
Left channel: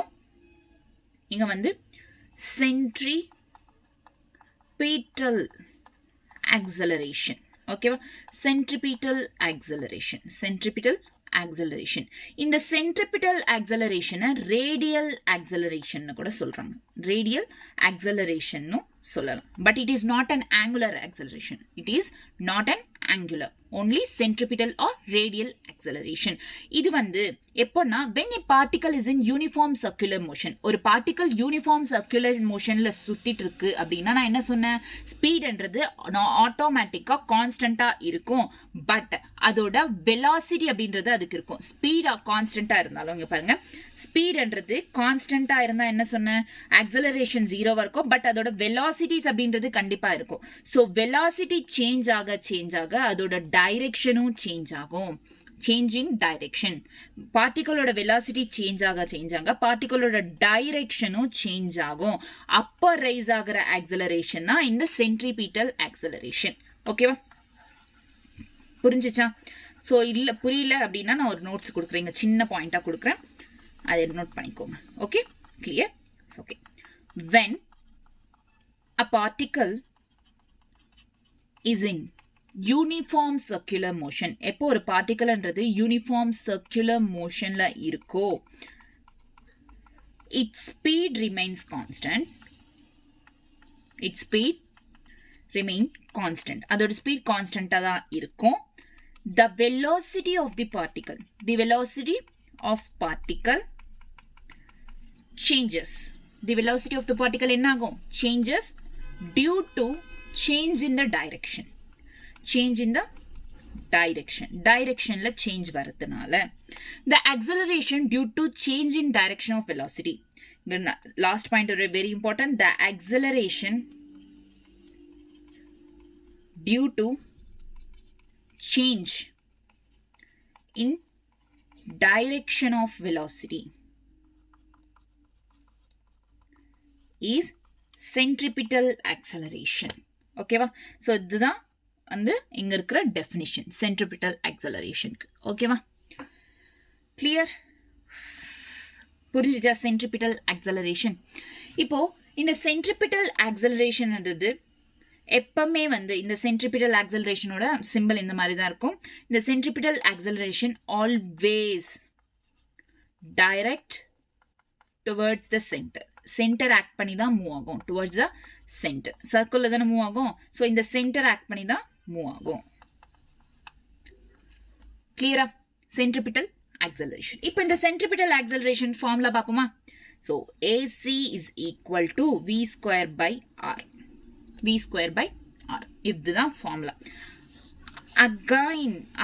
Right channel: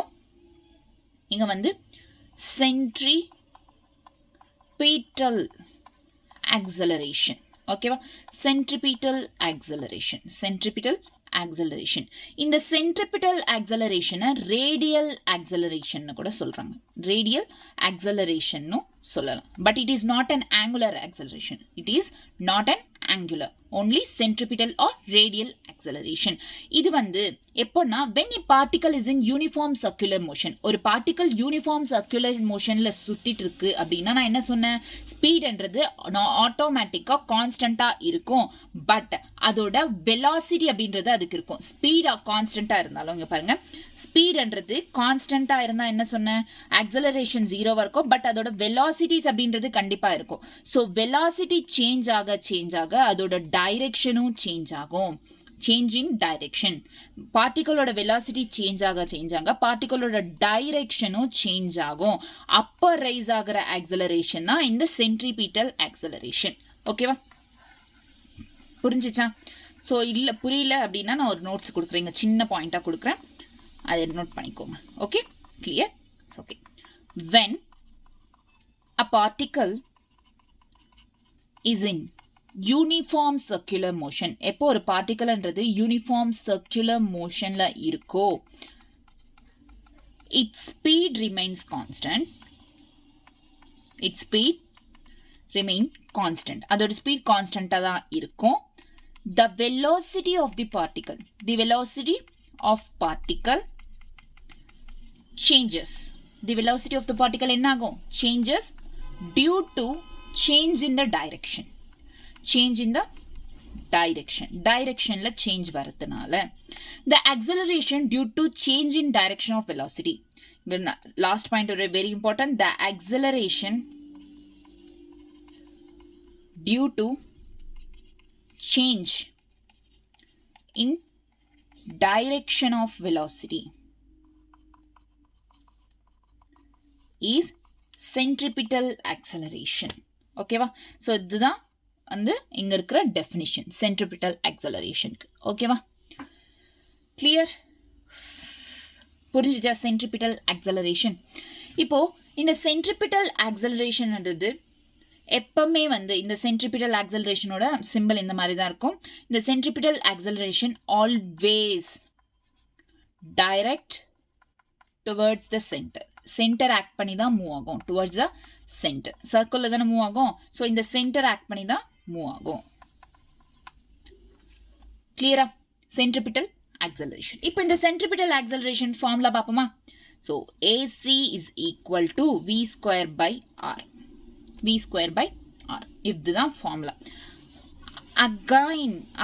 இங்கே வந்து centripetal acceleration. ஓகேவா? centripetal acceleration. இந்த centripetal acceleration radial acceleration கூட சொல்றாங்க. radial acceleration சொல்லலாம். But it is not an angular acceleration. It is not an angular. Only centripetal or radial acceleration. இது வந்து எப்போனா when a particle is in uniform circular motion. ஒரு particle uniform circular motionல சுத்திட்டு இருக்கு அப்படின்னா நான் என்ன சொன்னேன்? ஸ்பீட்ன்றது ஆட்டோமேட்டிக்கா கான்ஸ்டன்டா இருக்கும். பட் அதோட வெலாசிட்டி அப்படின்றது அதுக்கு இருக்கும். ஸ்பீடா கான்ஸ்டன்டா இருந்தாலும் இங்க பாருங்க, ஸ்பீட்ன்றது கான்ஸ்டன்டா இருந்தா என்ன சொன்னேன்? ஆக்சலரேஷன் 0வா இருக்கும். பட் அதோட வெலாசிட்டிஸ் அப்படின்றது கண்டிப்பா இருக்கும். ஸோ வெலாசிட்டி சேஞ்ச் ஆக அதோட டைரக்ஷனும் சேஞ்ச் ஆகும். Change in direction. பார்ட்டிகளோட வெலாசிட்டி சேஞ்ச் ஆக பார்ட்டிகளோட டைரக்ஷனும் சேஞ்ச் ஆகும். அப்பர் ரைஸ் ஆகிற ஆக்சலரேஷன் தான் இந்த சென்ட்ரிபீட்டல் ஆக்சலரேஷன். ஓகேவா? புரிஞ்சிச்சா? ஸோ இல்லை புரியல அப்படின்னா நான் ஒரு நோட்ஸ் கொடுக்குறேன், சின்ன பாயிண்டாக கொடுக்குறேன், அதை நோட் பண்ணிக்கோங்க. Okay, clear? Okay. when a particle is in uniform circular motion, எப்போ ஒரு பார்ட்டிகல்ன்றது யூனிஃபார்ம் சர்க்குலர் மோஷன்ல இருக்கோ, its speed remains constant. அதோட ஸ்பீட் கான்ஸ்டன்டா தான் இருக்கும். the velocity of the particle changes. the velocity of the particle என்ன ஆகும்? changes due to change in the direction. directionல change வரதுனால the acceleration due to change in direction of velocity. last point very important. the acceleration due to change in direction of velocity is centripetal acceleration. ஓகேவா? So இதுதான் வந்து இங்க இருக்கிற definition centripetal ஆக்சலரேஷனுக்கு. ஓகேவா? Clear? புரிஞ்சுச்சா centripetal acceleration? இப்போ இந்த centripetal ஆக்சலரேஷன்ன்றது எப்பவுமே வந்து இந்த சென்ட்ரிபிட்டல் ஆக்சலரேஷனோட சிம்பிள் இந்த மாதிரி தான் இருக்கும். இந்த centripetal acceleration always direct towards the centre act பண்ணி தான் மூவ் ஆகும். Towards the centre. சர்க்கிளில் தானே மூவ் ஆகும். ஸோ இந்த சென்டர் ஆக்ட் பண்ணி தான் மூவ் ஆகும். கிளியரா? Centripetal acceleration. இப்போ இந்த சென்ட்ரிபிட்டல் ஆக்சலரேஷன் ஃபார்முலா பார்ப்போமா? So AC is equal to V square by R. இதுதான் ஃபார்முலா.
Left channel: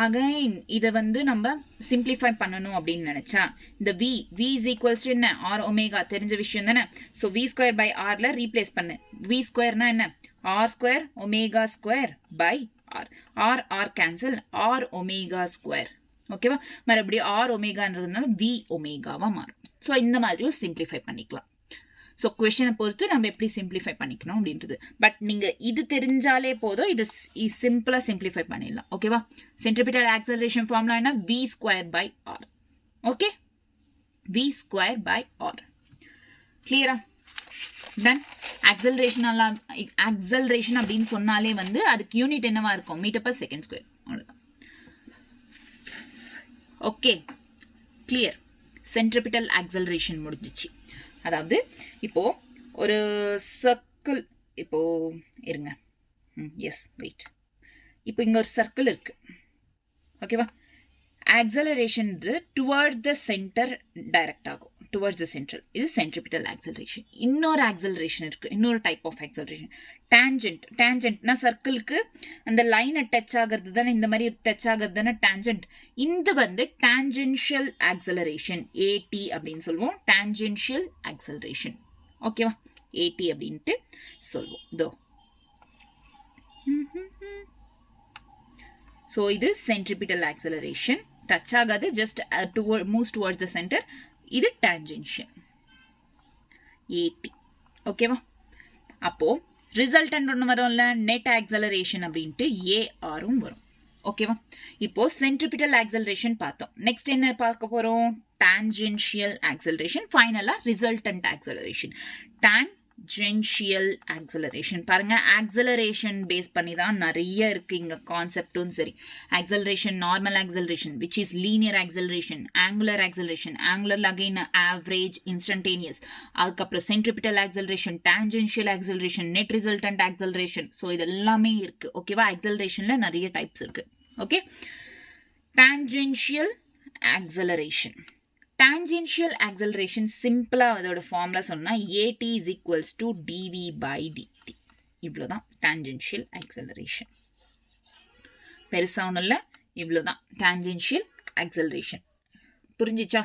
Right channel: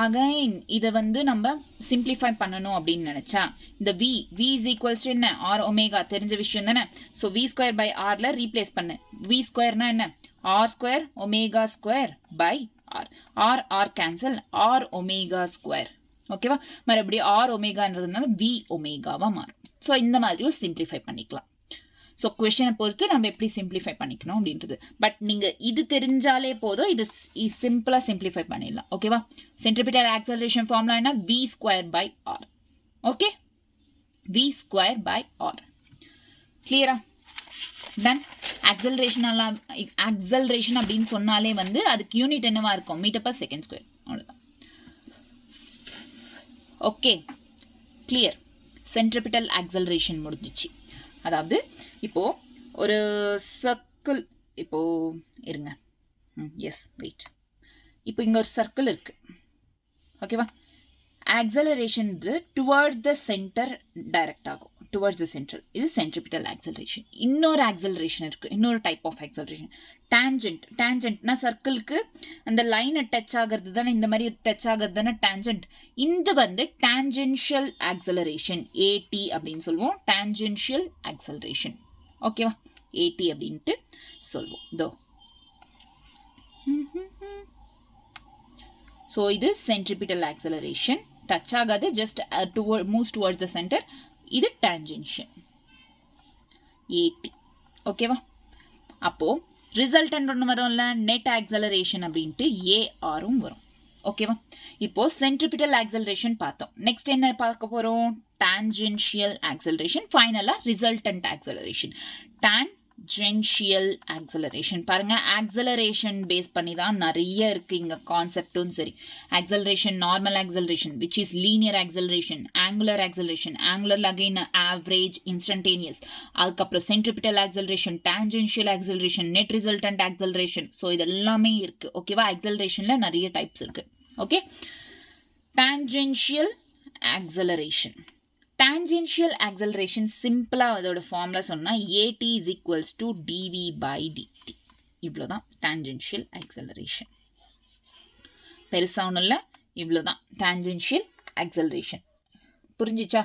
அகைன் இதை வந்து நம்ம சிம்பிளிஃபை பண்ணணும் அப்படின்னு நினைச்சா இந்த v is equals to என்ன? R ஒமேகா தெரிஞ்ச விஷயம் தானே. ஸோ V square by Rல ரீப்ளேஸ் பண்ணு. V ஸ்கொயர்னா என்ன? R square omega square by R cancel, R omega square. ஓகேவா? மறுபடியும் R ஒமேகான்றதுனால V ஒமேகாவா மாறும். ஸோ இந்த மாதிரியும் சிம்பிளிஃபை பண்ணிக்கலாம். ஸோ கொஷனை பொறுத்து நம்ம எப்படி சிம்பிளிஃபை பண்ணிக்கணும் அப்படின்றது. பட் நீங்கள் இது தெரிஞ்சாலே போதும், இது சிம்பிளாக சிம்பிளிஃபை பண்ணிடலாம். ஓகேவா? சென்ட்ரிபிட்டல் ஆக்சலரேஷன் ஃபார்முலா என்ன? V square by R. Okay, V square by R. கிளியரா? டன். ஆக்சலரேஷன் அப்படின்னு சொன்னாலே வந்து அதுக்கு யூனிட் என்னவா இருக்கும்? Metre per second square. அவ்வளோதான். Okay, clear? சென்ட்ரிபிட்டல் ஆக்சலரேஷன் முடிஞ்சிச்சு. அதாவது இப்போ ஒரு சர்க்கிள், இப்போ இருங்க, எஸ் வெயிட், இப்போ இங்கே ஒரு சர்க்கிள் இருக்கு. ஓகேவா? Acceleration towards the centre direct ஆகும். Towards the centre. இது சென்ட்ரிபிட்டல் ஆக்சலரேஷன். இன்னொரு ஆக்சலரேஷன் இருக்கு, இன்னொரு டைப் ஆஃப் ஆக்சலரேஷன் டேஞ்சன்ட்னா சர்க்கிளுக்கு அந்த லைனை டச் ஆகிறது தானே, இந்த மாதிரி டச் ஆகிறது தானே டேஞ்சன்ட். இது வந்து டேஞ்சென்ஷியல் ஆக்சலரேஷன், AT அப்படின்னு சொல்லுவோம். Tangential acceleration. ஓகேவா? AT அப்படின்ட்டு சொல்லுவோம். இதோ ஸோ இது சென்ட்ரிபிட்டல் ஆக்சலரேஷன். டச் ஆகாது, just moves towards the centre. இது டேஞ்சென்ஷியல் AT. ஓகேவா? அப்போ ரிசல்டன்ட் ஒன்று வரும்ல, நெட் ஆக்சலரேஷன் அப்படின்ட்டு ARம் வரும். ஓகேவா? இப்போ சென்ட்ரிபிட்டல் ஆக்சலரேஷன் பார்த்தோம். நெக்ஸ்ட் என்ன பார்க்க போறோம்? Tangential acceleration. ஃபைனலா resultant acceleration. Tan tangential acceleration. பாருங்க, ஆக்சலரேஷன் பேஸ் பண்ணி தான் நிறைய இருக்கு இங்க கான்செப்டும் சரி. Acceleration, normal acceleration which is linear acceleration, angular acceleration, angular again average, instantaneous, அதுக்கப்புறம் centripetal acceleration, tangential acceleration, net resultant acceleration. So இது எல்லாமே இருக்கு. ஓகேவா? ஆக்சலரேஷன்ல நிறைய டைப்ஸ் இருக்கு. Okay, tangential acceleration. Tangential acceleration சிம்பிளா அதோட ஃபார்முலா சொன்னா AT is equals to dv by dt. இவ்வளோதான் டான்ஜென்ஷியல் ஆக்சலரேஷன். பெருசா ஒன்றும் இல்லை, இவ்வளோதான் டான்ஜென்ஷியல் ஆக்சலரேஷன். புரிஞ்சிச்சா?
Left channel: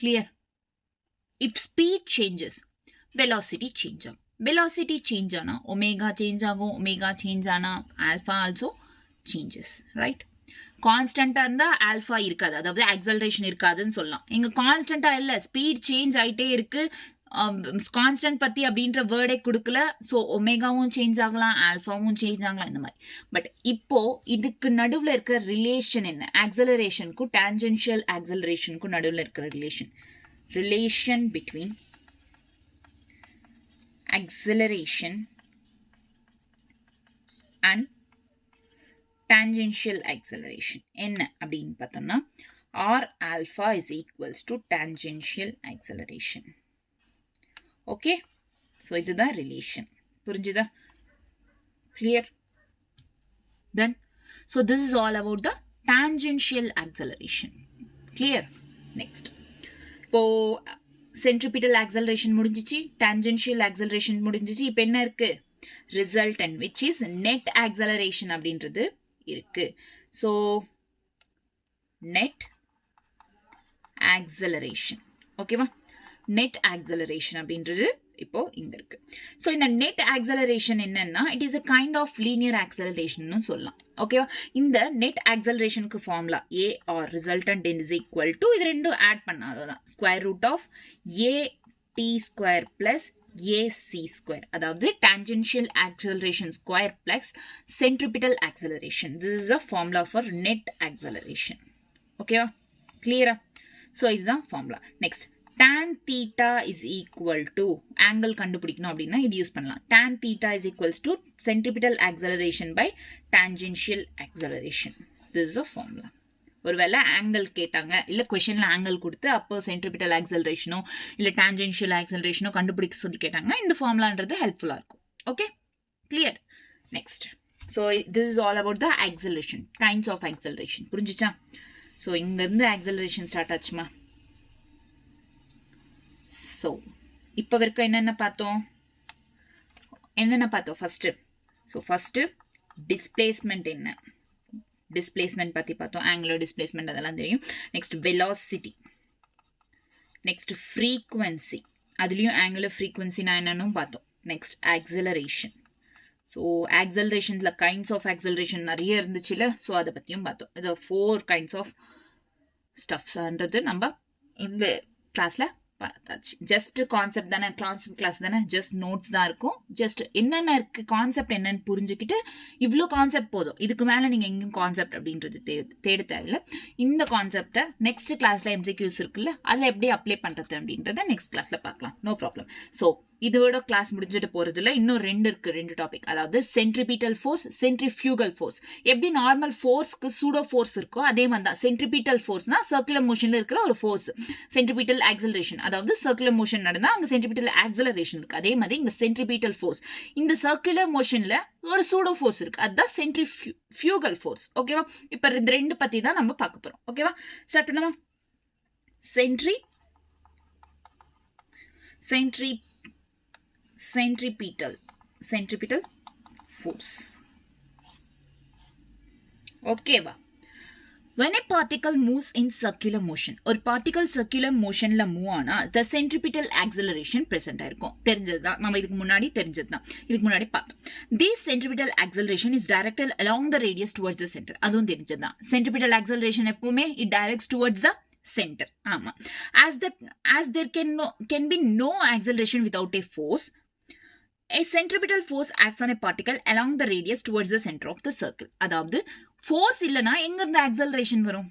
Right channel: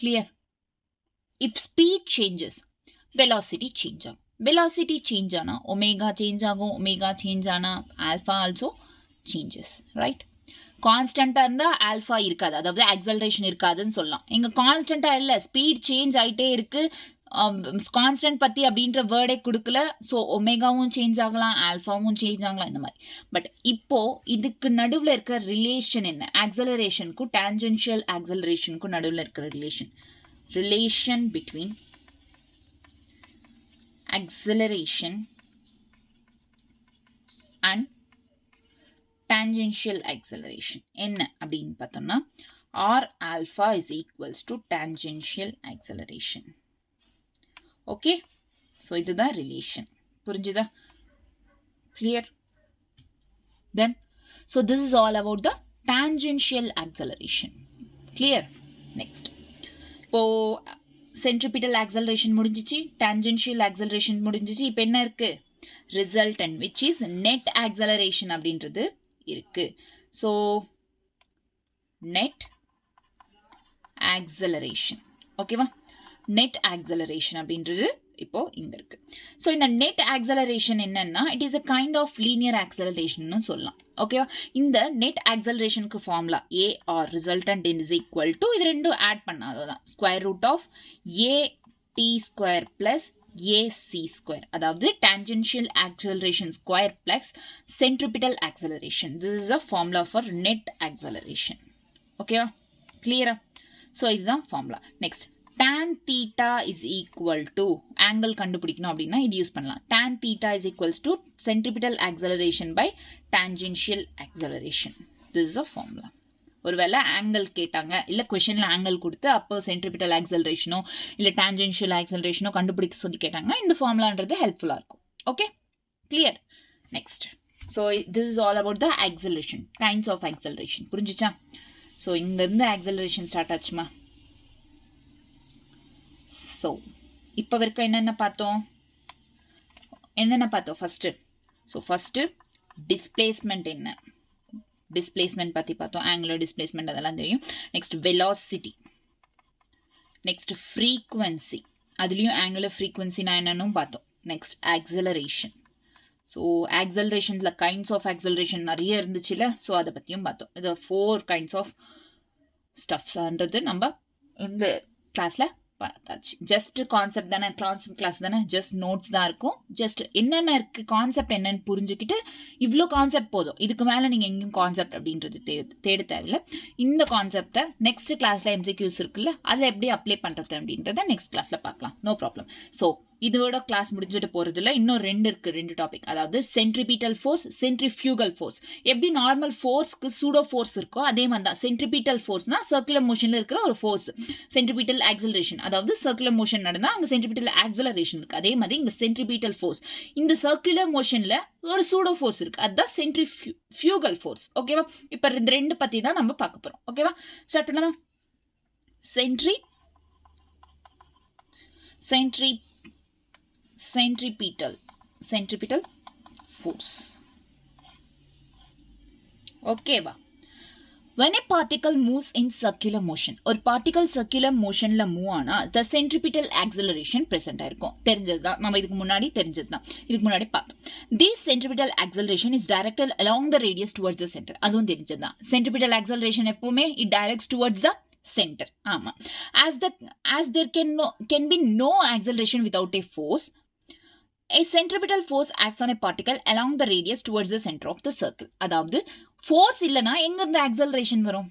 Clear? If speed changes, velocity change ஆகும். வெலாசிட்டி சேஞ்ச் ஆனா ஒமேகா சேஞ்ச் ஆகும். ஒமேகா சேஞ்ச் ஆனா ஆல்ஃபா ஆல்சோ சேஞ்சஸ், ரைட்? கான்ஸ்டன்டா இருந்தா ஆல்ஃபா இருக்காது, அதாவது ஆக்சலரேஷன் இருக்காதுன்னு சொல்லலாம். இங்க கான்ஸ்டன்டா இல்ல, ஸ்பீட் சேஞ்ச் ஆயிட்டே இருக்கு. கான்ஸ்டன்ட் பத்தி அப்படின்ற வேர்டே கொடுக்கல. ஸோ ஒமேகாவும் சேஞ்ச் ஆகலாம், ஆல்ஃபாவும் சேஞ்ச் ஆகலாம், இந்த மாதிரி. பட் இப்போ இதுக்கு நடுவில் இருக்கிற ரிலேஷன் என்ன? ஆக்சலரேஷனுக்கும் டான்ஜென்ஷியல் ஆக்சலரேஷனுக்கும் நடுவில் இருக்கிற relation between acceleration and tangential acceleration என்ன அப்படின்னு பார்த்தோம்னா r alpha is equals to tangential acceleration. Okay, so இதுதான் ரிலேஷன். புரிஞ்சுதா? clear? then so this is all about the tangential acceleration. clear? next, இப்போ சென்ட்ரிபிட்டல் ஆக்சலரேஷன் முடிஞ்சிச்சு, tangential acceleration முடிஞ்சிச்சு. இப்போ என்ன இருக்கு? Resultant which is net acceleration அப்படின்றது இருக்கு. ஸோ நெட் ஆக்சலரேஷன், ஓகேவா? நெட் ஆக்சலரேஷன் அப்படின்றது இப்போ இங்க இருக்கு. ஸோ இந்த நெட் ஆக்சலரேஷன் என்னன்னா, it is a kind of linear acceleration சொல்லலாம். ஓகேவா? இந்த நெட் ஆக்சலரேஷனுக்கு formula A R resultant is equal to, இது ரெண்டும் ஆட் பண்ணாதான் square root of AT square plus AC square, அதாவது tangential acceleration square plus centripetal acceleration. This is a formula for net acceleration. ஓகேவா? கிளியரா? ஸோ இதுதான் formula. Next, tan theta is equal to, angle கண்டுபிடிக்கணும் அப்படின்னா இது use பண்ணலாம். tan theta is equals to centripetal acceleration by tangential acceleration. This is a formula. ஒருவேளை angle கேட்டாங்க, இல்லை கொஷனில் ஆங்கிள் கொடுத்து அப்போ சென்ட்ரிபிட்டல் ஆக்சலரேஷனோ இல்லை டான்ஜென்ஷியல் ஆக்சலரேஷனோ கண்டுபிடிக்க சொல்லி கேட்டாங்கன்னா இந்த ஃபார்முலான்றது ஹெல்ப்ஃபுல்லாக இருக்கும். Okay, clear? Next, so this is all about the acceleration, kinds of acceleration. புரிஞ்சிச்சா? ஸோ இங்கேருந்து ஆக்சலரேஷன் ஸ்டார்ட் ஆச்சுமா. ஸோ இப்போ வரைக்கும் என்னென்ன பார்த்தோம் ஃபஸ்ட்டு? ஸோ ஃபஸ்ட்டு டிஸ்பிளேஸ்மெண்ட் என்ன? டிஸ்பிளேஸ்மெண்ட் பற்றி பார்த்தோம், ஆங்குலர் டிஸ்பிளேஸ்மெண்ட் அதெல்லாம் தெரியும். நெக்ஸ்ட் வெலாசிட்டி, நெக்ஸ்ட் ஃப்ரீக்வன்சி, அதுலேயும் ஆங்குலர் ஃப்ரீக்வன்சினா என்னன்னு பார்த்தோம். Next acceleration. ஸோ ஆக்சலரேஷனில் கைண்ட்ஸ் ஆஃப் ஆக்சலரேஷன் நிறைய இருந்துச்சுல்ல, ஸோ அதை பற்றியும் பார்த்தோம். இது 4 கைண்ட்ஸ் ஆஃப் ஸ்டப்ஸ்ன்றது நம்ம இந்த கிளாஸில் பார்த்தாச்சு. ஜஸ்ட் கான்செப்ட் தானே, கிளாஸ் தானே, ஜஸ்ட் நோட்ஸ் தான் இருக்கும். ஜஸ்ட் என்னென்ன இருக்குது, கான்செப்ட் என்னன்னு புரிஞ்சுக்கிட்டு இவ்வளோ கான்செப்ட் போதும். இதுக்கு மேலே நீங்கள் எங்கேயும் கான்செப்ட் அப்படின்றது தேட தேவையில்லை. இந்த கான்செப்டை நெக்ஸ்ட் கிளாஸில் MCQs இருக்குல்ல, அதை எப்படி அப்ளை பண்ணுறது அப்படின்றத நெக்ஸ்ட் கிளாஸில் பார்க்கலாம். No problem. ஸோ இதோட கிளாஸ் முடிஞ்சுட்டு போகிறதுல இன்னும் 2 டாபிக், அதாவது சென்ட்ரிபிட்டல் ஃபோர்ஸ், சென்ட்ரிஃபியூகல் ஃபோர்ஸ். எப்படி நார்மல் ஃபோர்ஸ்க்கு சூடோ ஃபோர்ஸ் இருக்கோ அதே மாதிரி தான் சென்ட்ரிபிட்டல் ஃபோர்ஸ்னா சர்க்குலர் மோஷனில் இருக்கிற ஒரு ஃபோர்ஸ். சென்ட்ரிபிட்டல் ஆக்சலரேஷன், அதாவது சர்க்குலர் மோஷன் நடந்தால் அங்கே சென்ட்ரிபிட்டல் ஆக்சலரேஷன் இருக்குது. அதே மாதிரி இங்கே சென்ட்ரிபிட்டல் ஃபோர்ஸ், இந்த சர்க்குலர் மோஷனில் ஒரு சூடோ ஃபோர்ஸ் இருக்குது, அதுதான் சென்ட்ரிஃபியூகல் ஃபோர்ஸ். ஓகேவா? இப்போ இந்த 2 பற்றி தான் நம்ம பார்க்க போகிறோம். ஓகேவா? ஸ்டார்ட் பண்ணலாமா? centripetal force. Okay ba? When a particle moves in circular motion, or particle circular motion la move ana, the centripetal acceleration present ஆயிருக்கும். தெரிஞ்சதுதான், நம்ம இதுக்கு முன்னாடி தெரிஞ்சதுதான், இதுக்கு முன்னாடி பார்த்தோம். This centripetal acceleration is directed along the radius towards the center. அதுவும் தெரிஞ்சதுதான். Centripetal acceleration எப்பவுமே it directs towards the center. ஆமா. As there can be no acceleration without a force, a centripetal force acts on a particle along the radius towards the center of the circle. அதாவது force இல்லைனா எங்கிருந்து acceleration வரும்?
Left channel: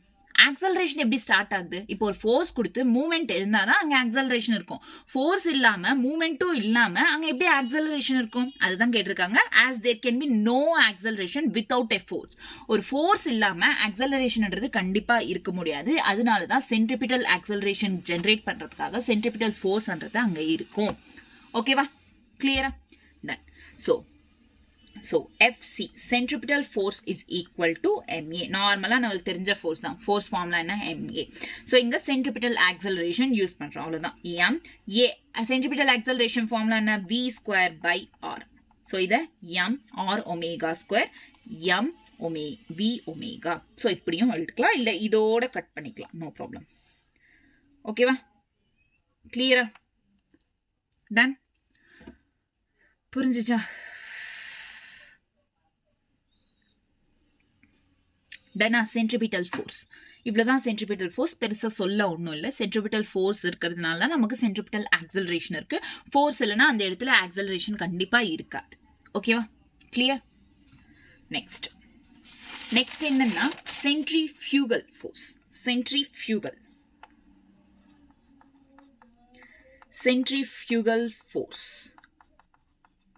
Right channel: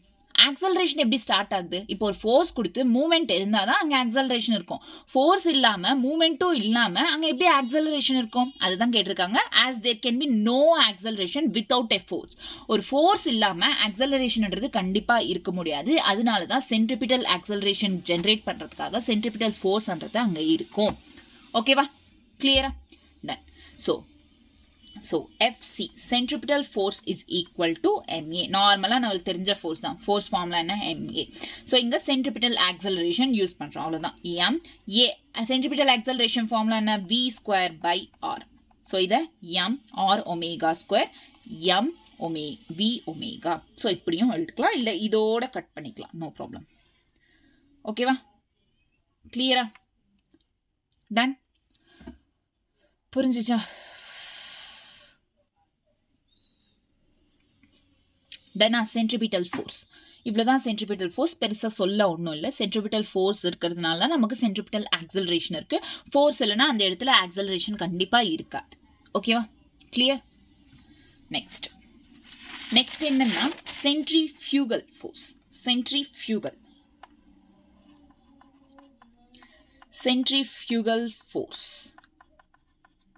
Acceleration எப்படி start ஆகுது? இப்போ ஒரு force கொடுத்து மூவ்மெண்ட் இருந்தால் தான் அங்கே ஆக்சலரேஷன் இருக்கும். ஃபோர்ஸ் இல்லாமல் மூவ்மெண்ட்டும் இல்லாமல் அங்கே எப்படி ஆக்சலரேஷன் இருக்கும்? அதுதான் கேட்டிருக்காங்க. As there can be no acceleration without a force. ஒரு ஃபோர்ஸ் இல்லாமல் ஆக்சலரேஷன்ன்றது கண்டிப்பாக இருக்க முடியாது. அதனால தான் சென்ட்ரிபிட்டல் ஆக்சலரேஷன் ஜென்ரேட் பண்ணுறதுக்காக சென்ட்ரிபிட்டல் ஃபோர்ஸ்ன்றது அங்கே இருக்கும். ஓகேவா? கிளியரா? Done. So FC centripetal force is equal to MA. நார்மலா நமக்கு தெரிஞ்ச ஃபோர்ஸ் தான். ஃபோர்ஸ் ஃபார்முலா என்ன? MA. ஸோ இங்க சென்ட்ரிபிட்டல் ஆக்சலரேஷன் யூஸ் பண்றோம். அவ்வளவுதான். MA சென்ட்ரிபிட்டல் ஆக்சலரேஷன் ஃபார்முலா என்ன? V square by R. So இதை M R omega square M V omega. So இப்படியும் எழுதுக்கலாம், இல்லை இதோட கட் பண்ணிக்கலாம். No problem. ஓகேவா? கிளியரா? டன். புரிஞ்சிச்சா? டனா சென்ட்ரிபிட்டல் ஃபோர்ஸ். இவ்வளோதான் சென்ட்ரிபிட்டல் ஃபோர்ஸ். பெருசாக சொல்ல ஒன்றும் இல்லை. சென்ட்ரிபிட்டல் ஃபோர்ஸ் இருக்கிறதுனால தான் நமக்கு சென்ட்ரிபிட்டல் ஆக்சலரேஷன் இருக்குது. ஃபோர்ஸ் இல்லைன்னா அந்த இடத்துல ஆக்சலரேஷன் கண்டிப்பாக இருக்காது. ஓகேவா? கிளியர்? நெக்ஸ்ட் என்னன்னா centrifugal force. Centrifugal force.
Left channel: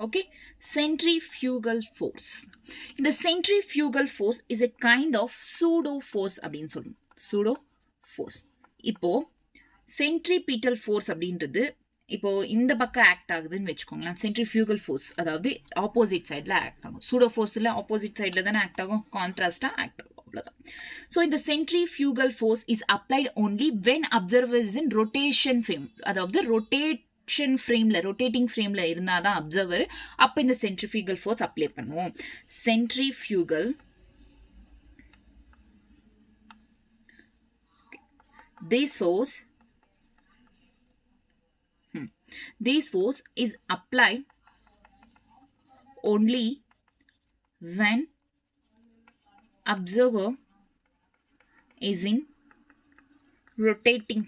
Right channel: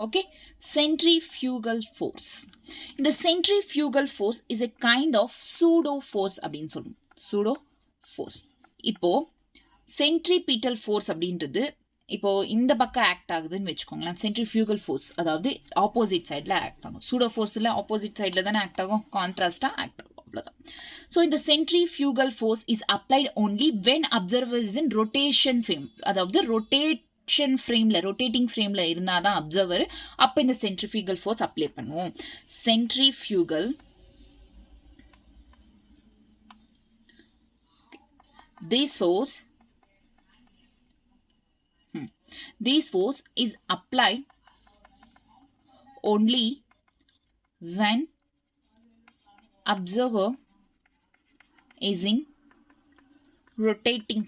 Okay, centrifugal force. The centrifugal force is a kind of pseudo force அப்படின்னு சொல்லுவோம். pseudo force. இப்போ centripetal force அப்படின்றது இப்போ இந்த பக்கம் ஆக்ட் ஆகுதுன்னு வச்சுக்கோங்களேன். சென்ட்ரிஃபியூகல் ஃபோர்ஸ் அதாவது ஆப்போசிட் சைடில் ஆக்ட் ஆகும். சூடோ ஃபோர்ஸில் ஆப்போசிட் சைடில் தானே ஆக்ட் ஆகும், கான்ட்ராஸ்டாக ஆக்ட் ஆகும். அவ்வளோதான். ஸோ இந்த centrifugal force is applied only when observer is in rotation frame. அதாவது ரொட்டேட்டிங் ஃப்ரேம்ல இருந்தாதான் அப்சர்வர். அப்ப இந்த சென்ட்ரிஃபியூகல் ஃபோர்ஸ் அப்ளை பண்ணுவோம். Centrifugal this force is applied only when observer is in rotating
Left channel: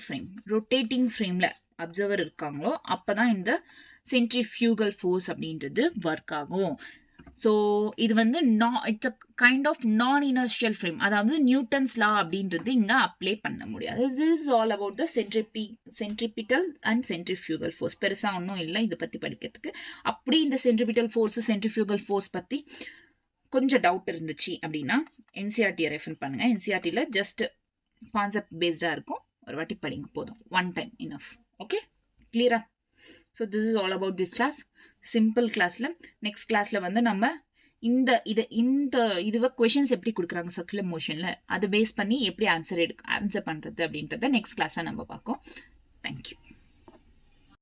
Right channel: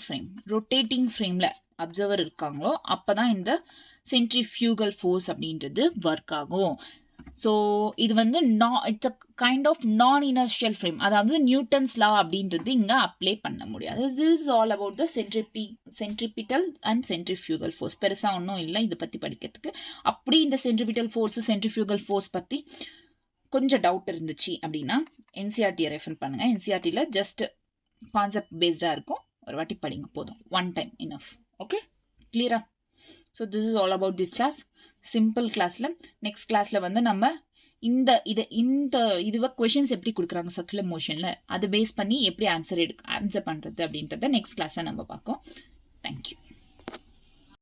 frameல அப்சர்வர் இருக்காங்களோ அப்பதான் இந்த சென்ட்ரிஃபியூகல் ஃபோர்ஸ் அப்படின்றது ஒர்க் ஆகும். ஸோ இது வந்து it's a kind of non inertial frame. அதாவது நியூட்டன்ஸ் லா அப்படின்றது இங்கே அப்ளை பண்ண முடியாது. This is all about the centripetal and centrifugal force. பெருசாக ஒன்றும் இல்லை இதை பற்றி படிக்கிறதுக்கு. அப்படி இந்த சென்ட்ரிபிட்டல் ஃபோர்ஸ் சென்ட்ரிஃபியூகல் ஃபோர்ஸ் பற்றி கொஞ்சம் டவுட் இருந்துச்சு அப்படின்னா என்சிஆர்டியை ரெஃபர் பண்ணுங்கள். என்சிஆர்டியில் ஜஸ்ட் கான்செப்ட் பேஸ்டாக இருக்கும். ஒரு வாட்டி படிங்க போதும். One time enough. ஓகே, கிளியரா? So this is all about this class. Simple கிளாஸில் நெக்ஸ்ட் கிளாஸில் வந்து நம்ம இதுவை கொஷின்ஸ் எப்படி கொடுக்குறாங்க சர்க்குலர் மோஷனில் அதை பேஸ் பண்ணி எப்படி ஆன்சர் பண்ணுறது அப்படின்றத நெக்ஸ்ட் கிளாஸில் நம்ம பார்ப்போம். தேங்க்யூ.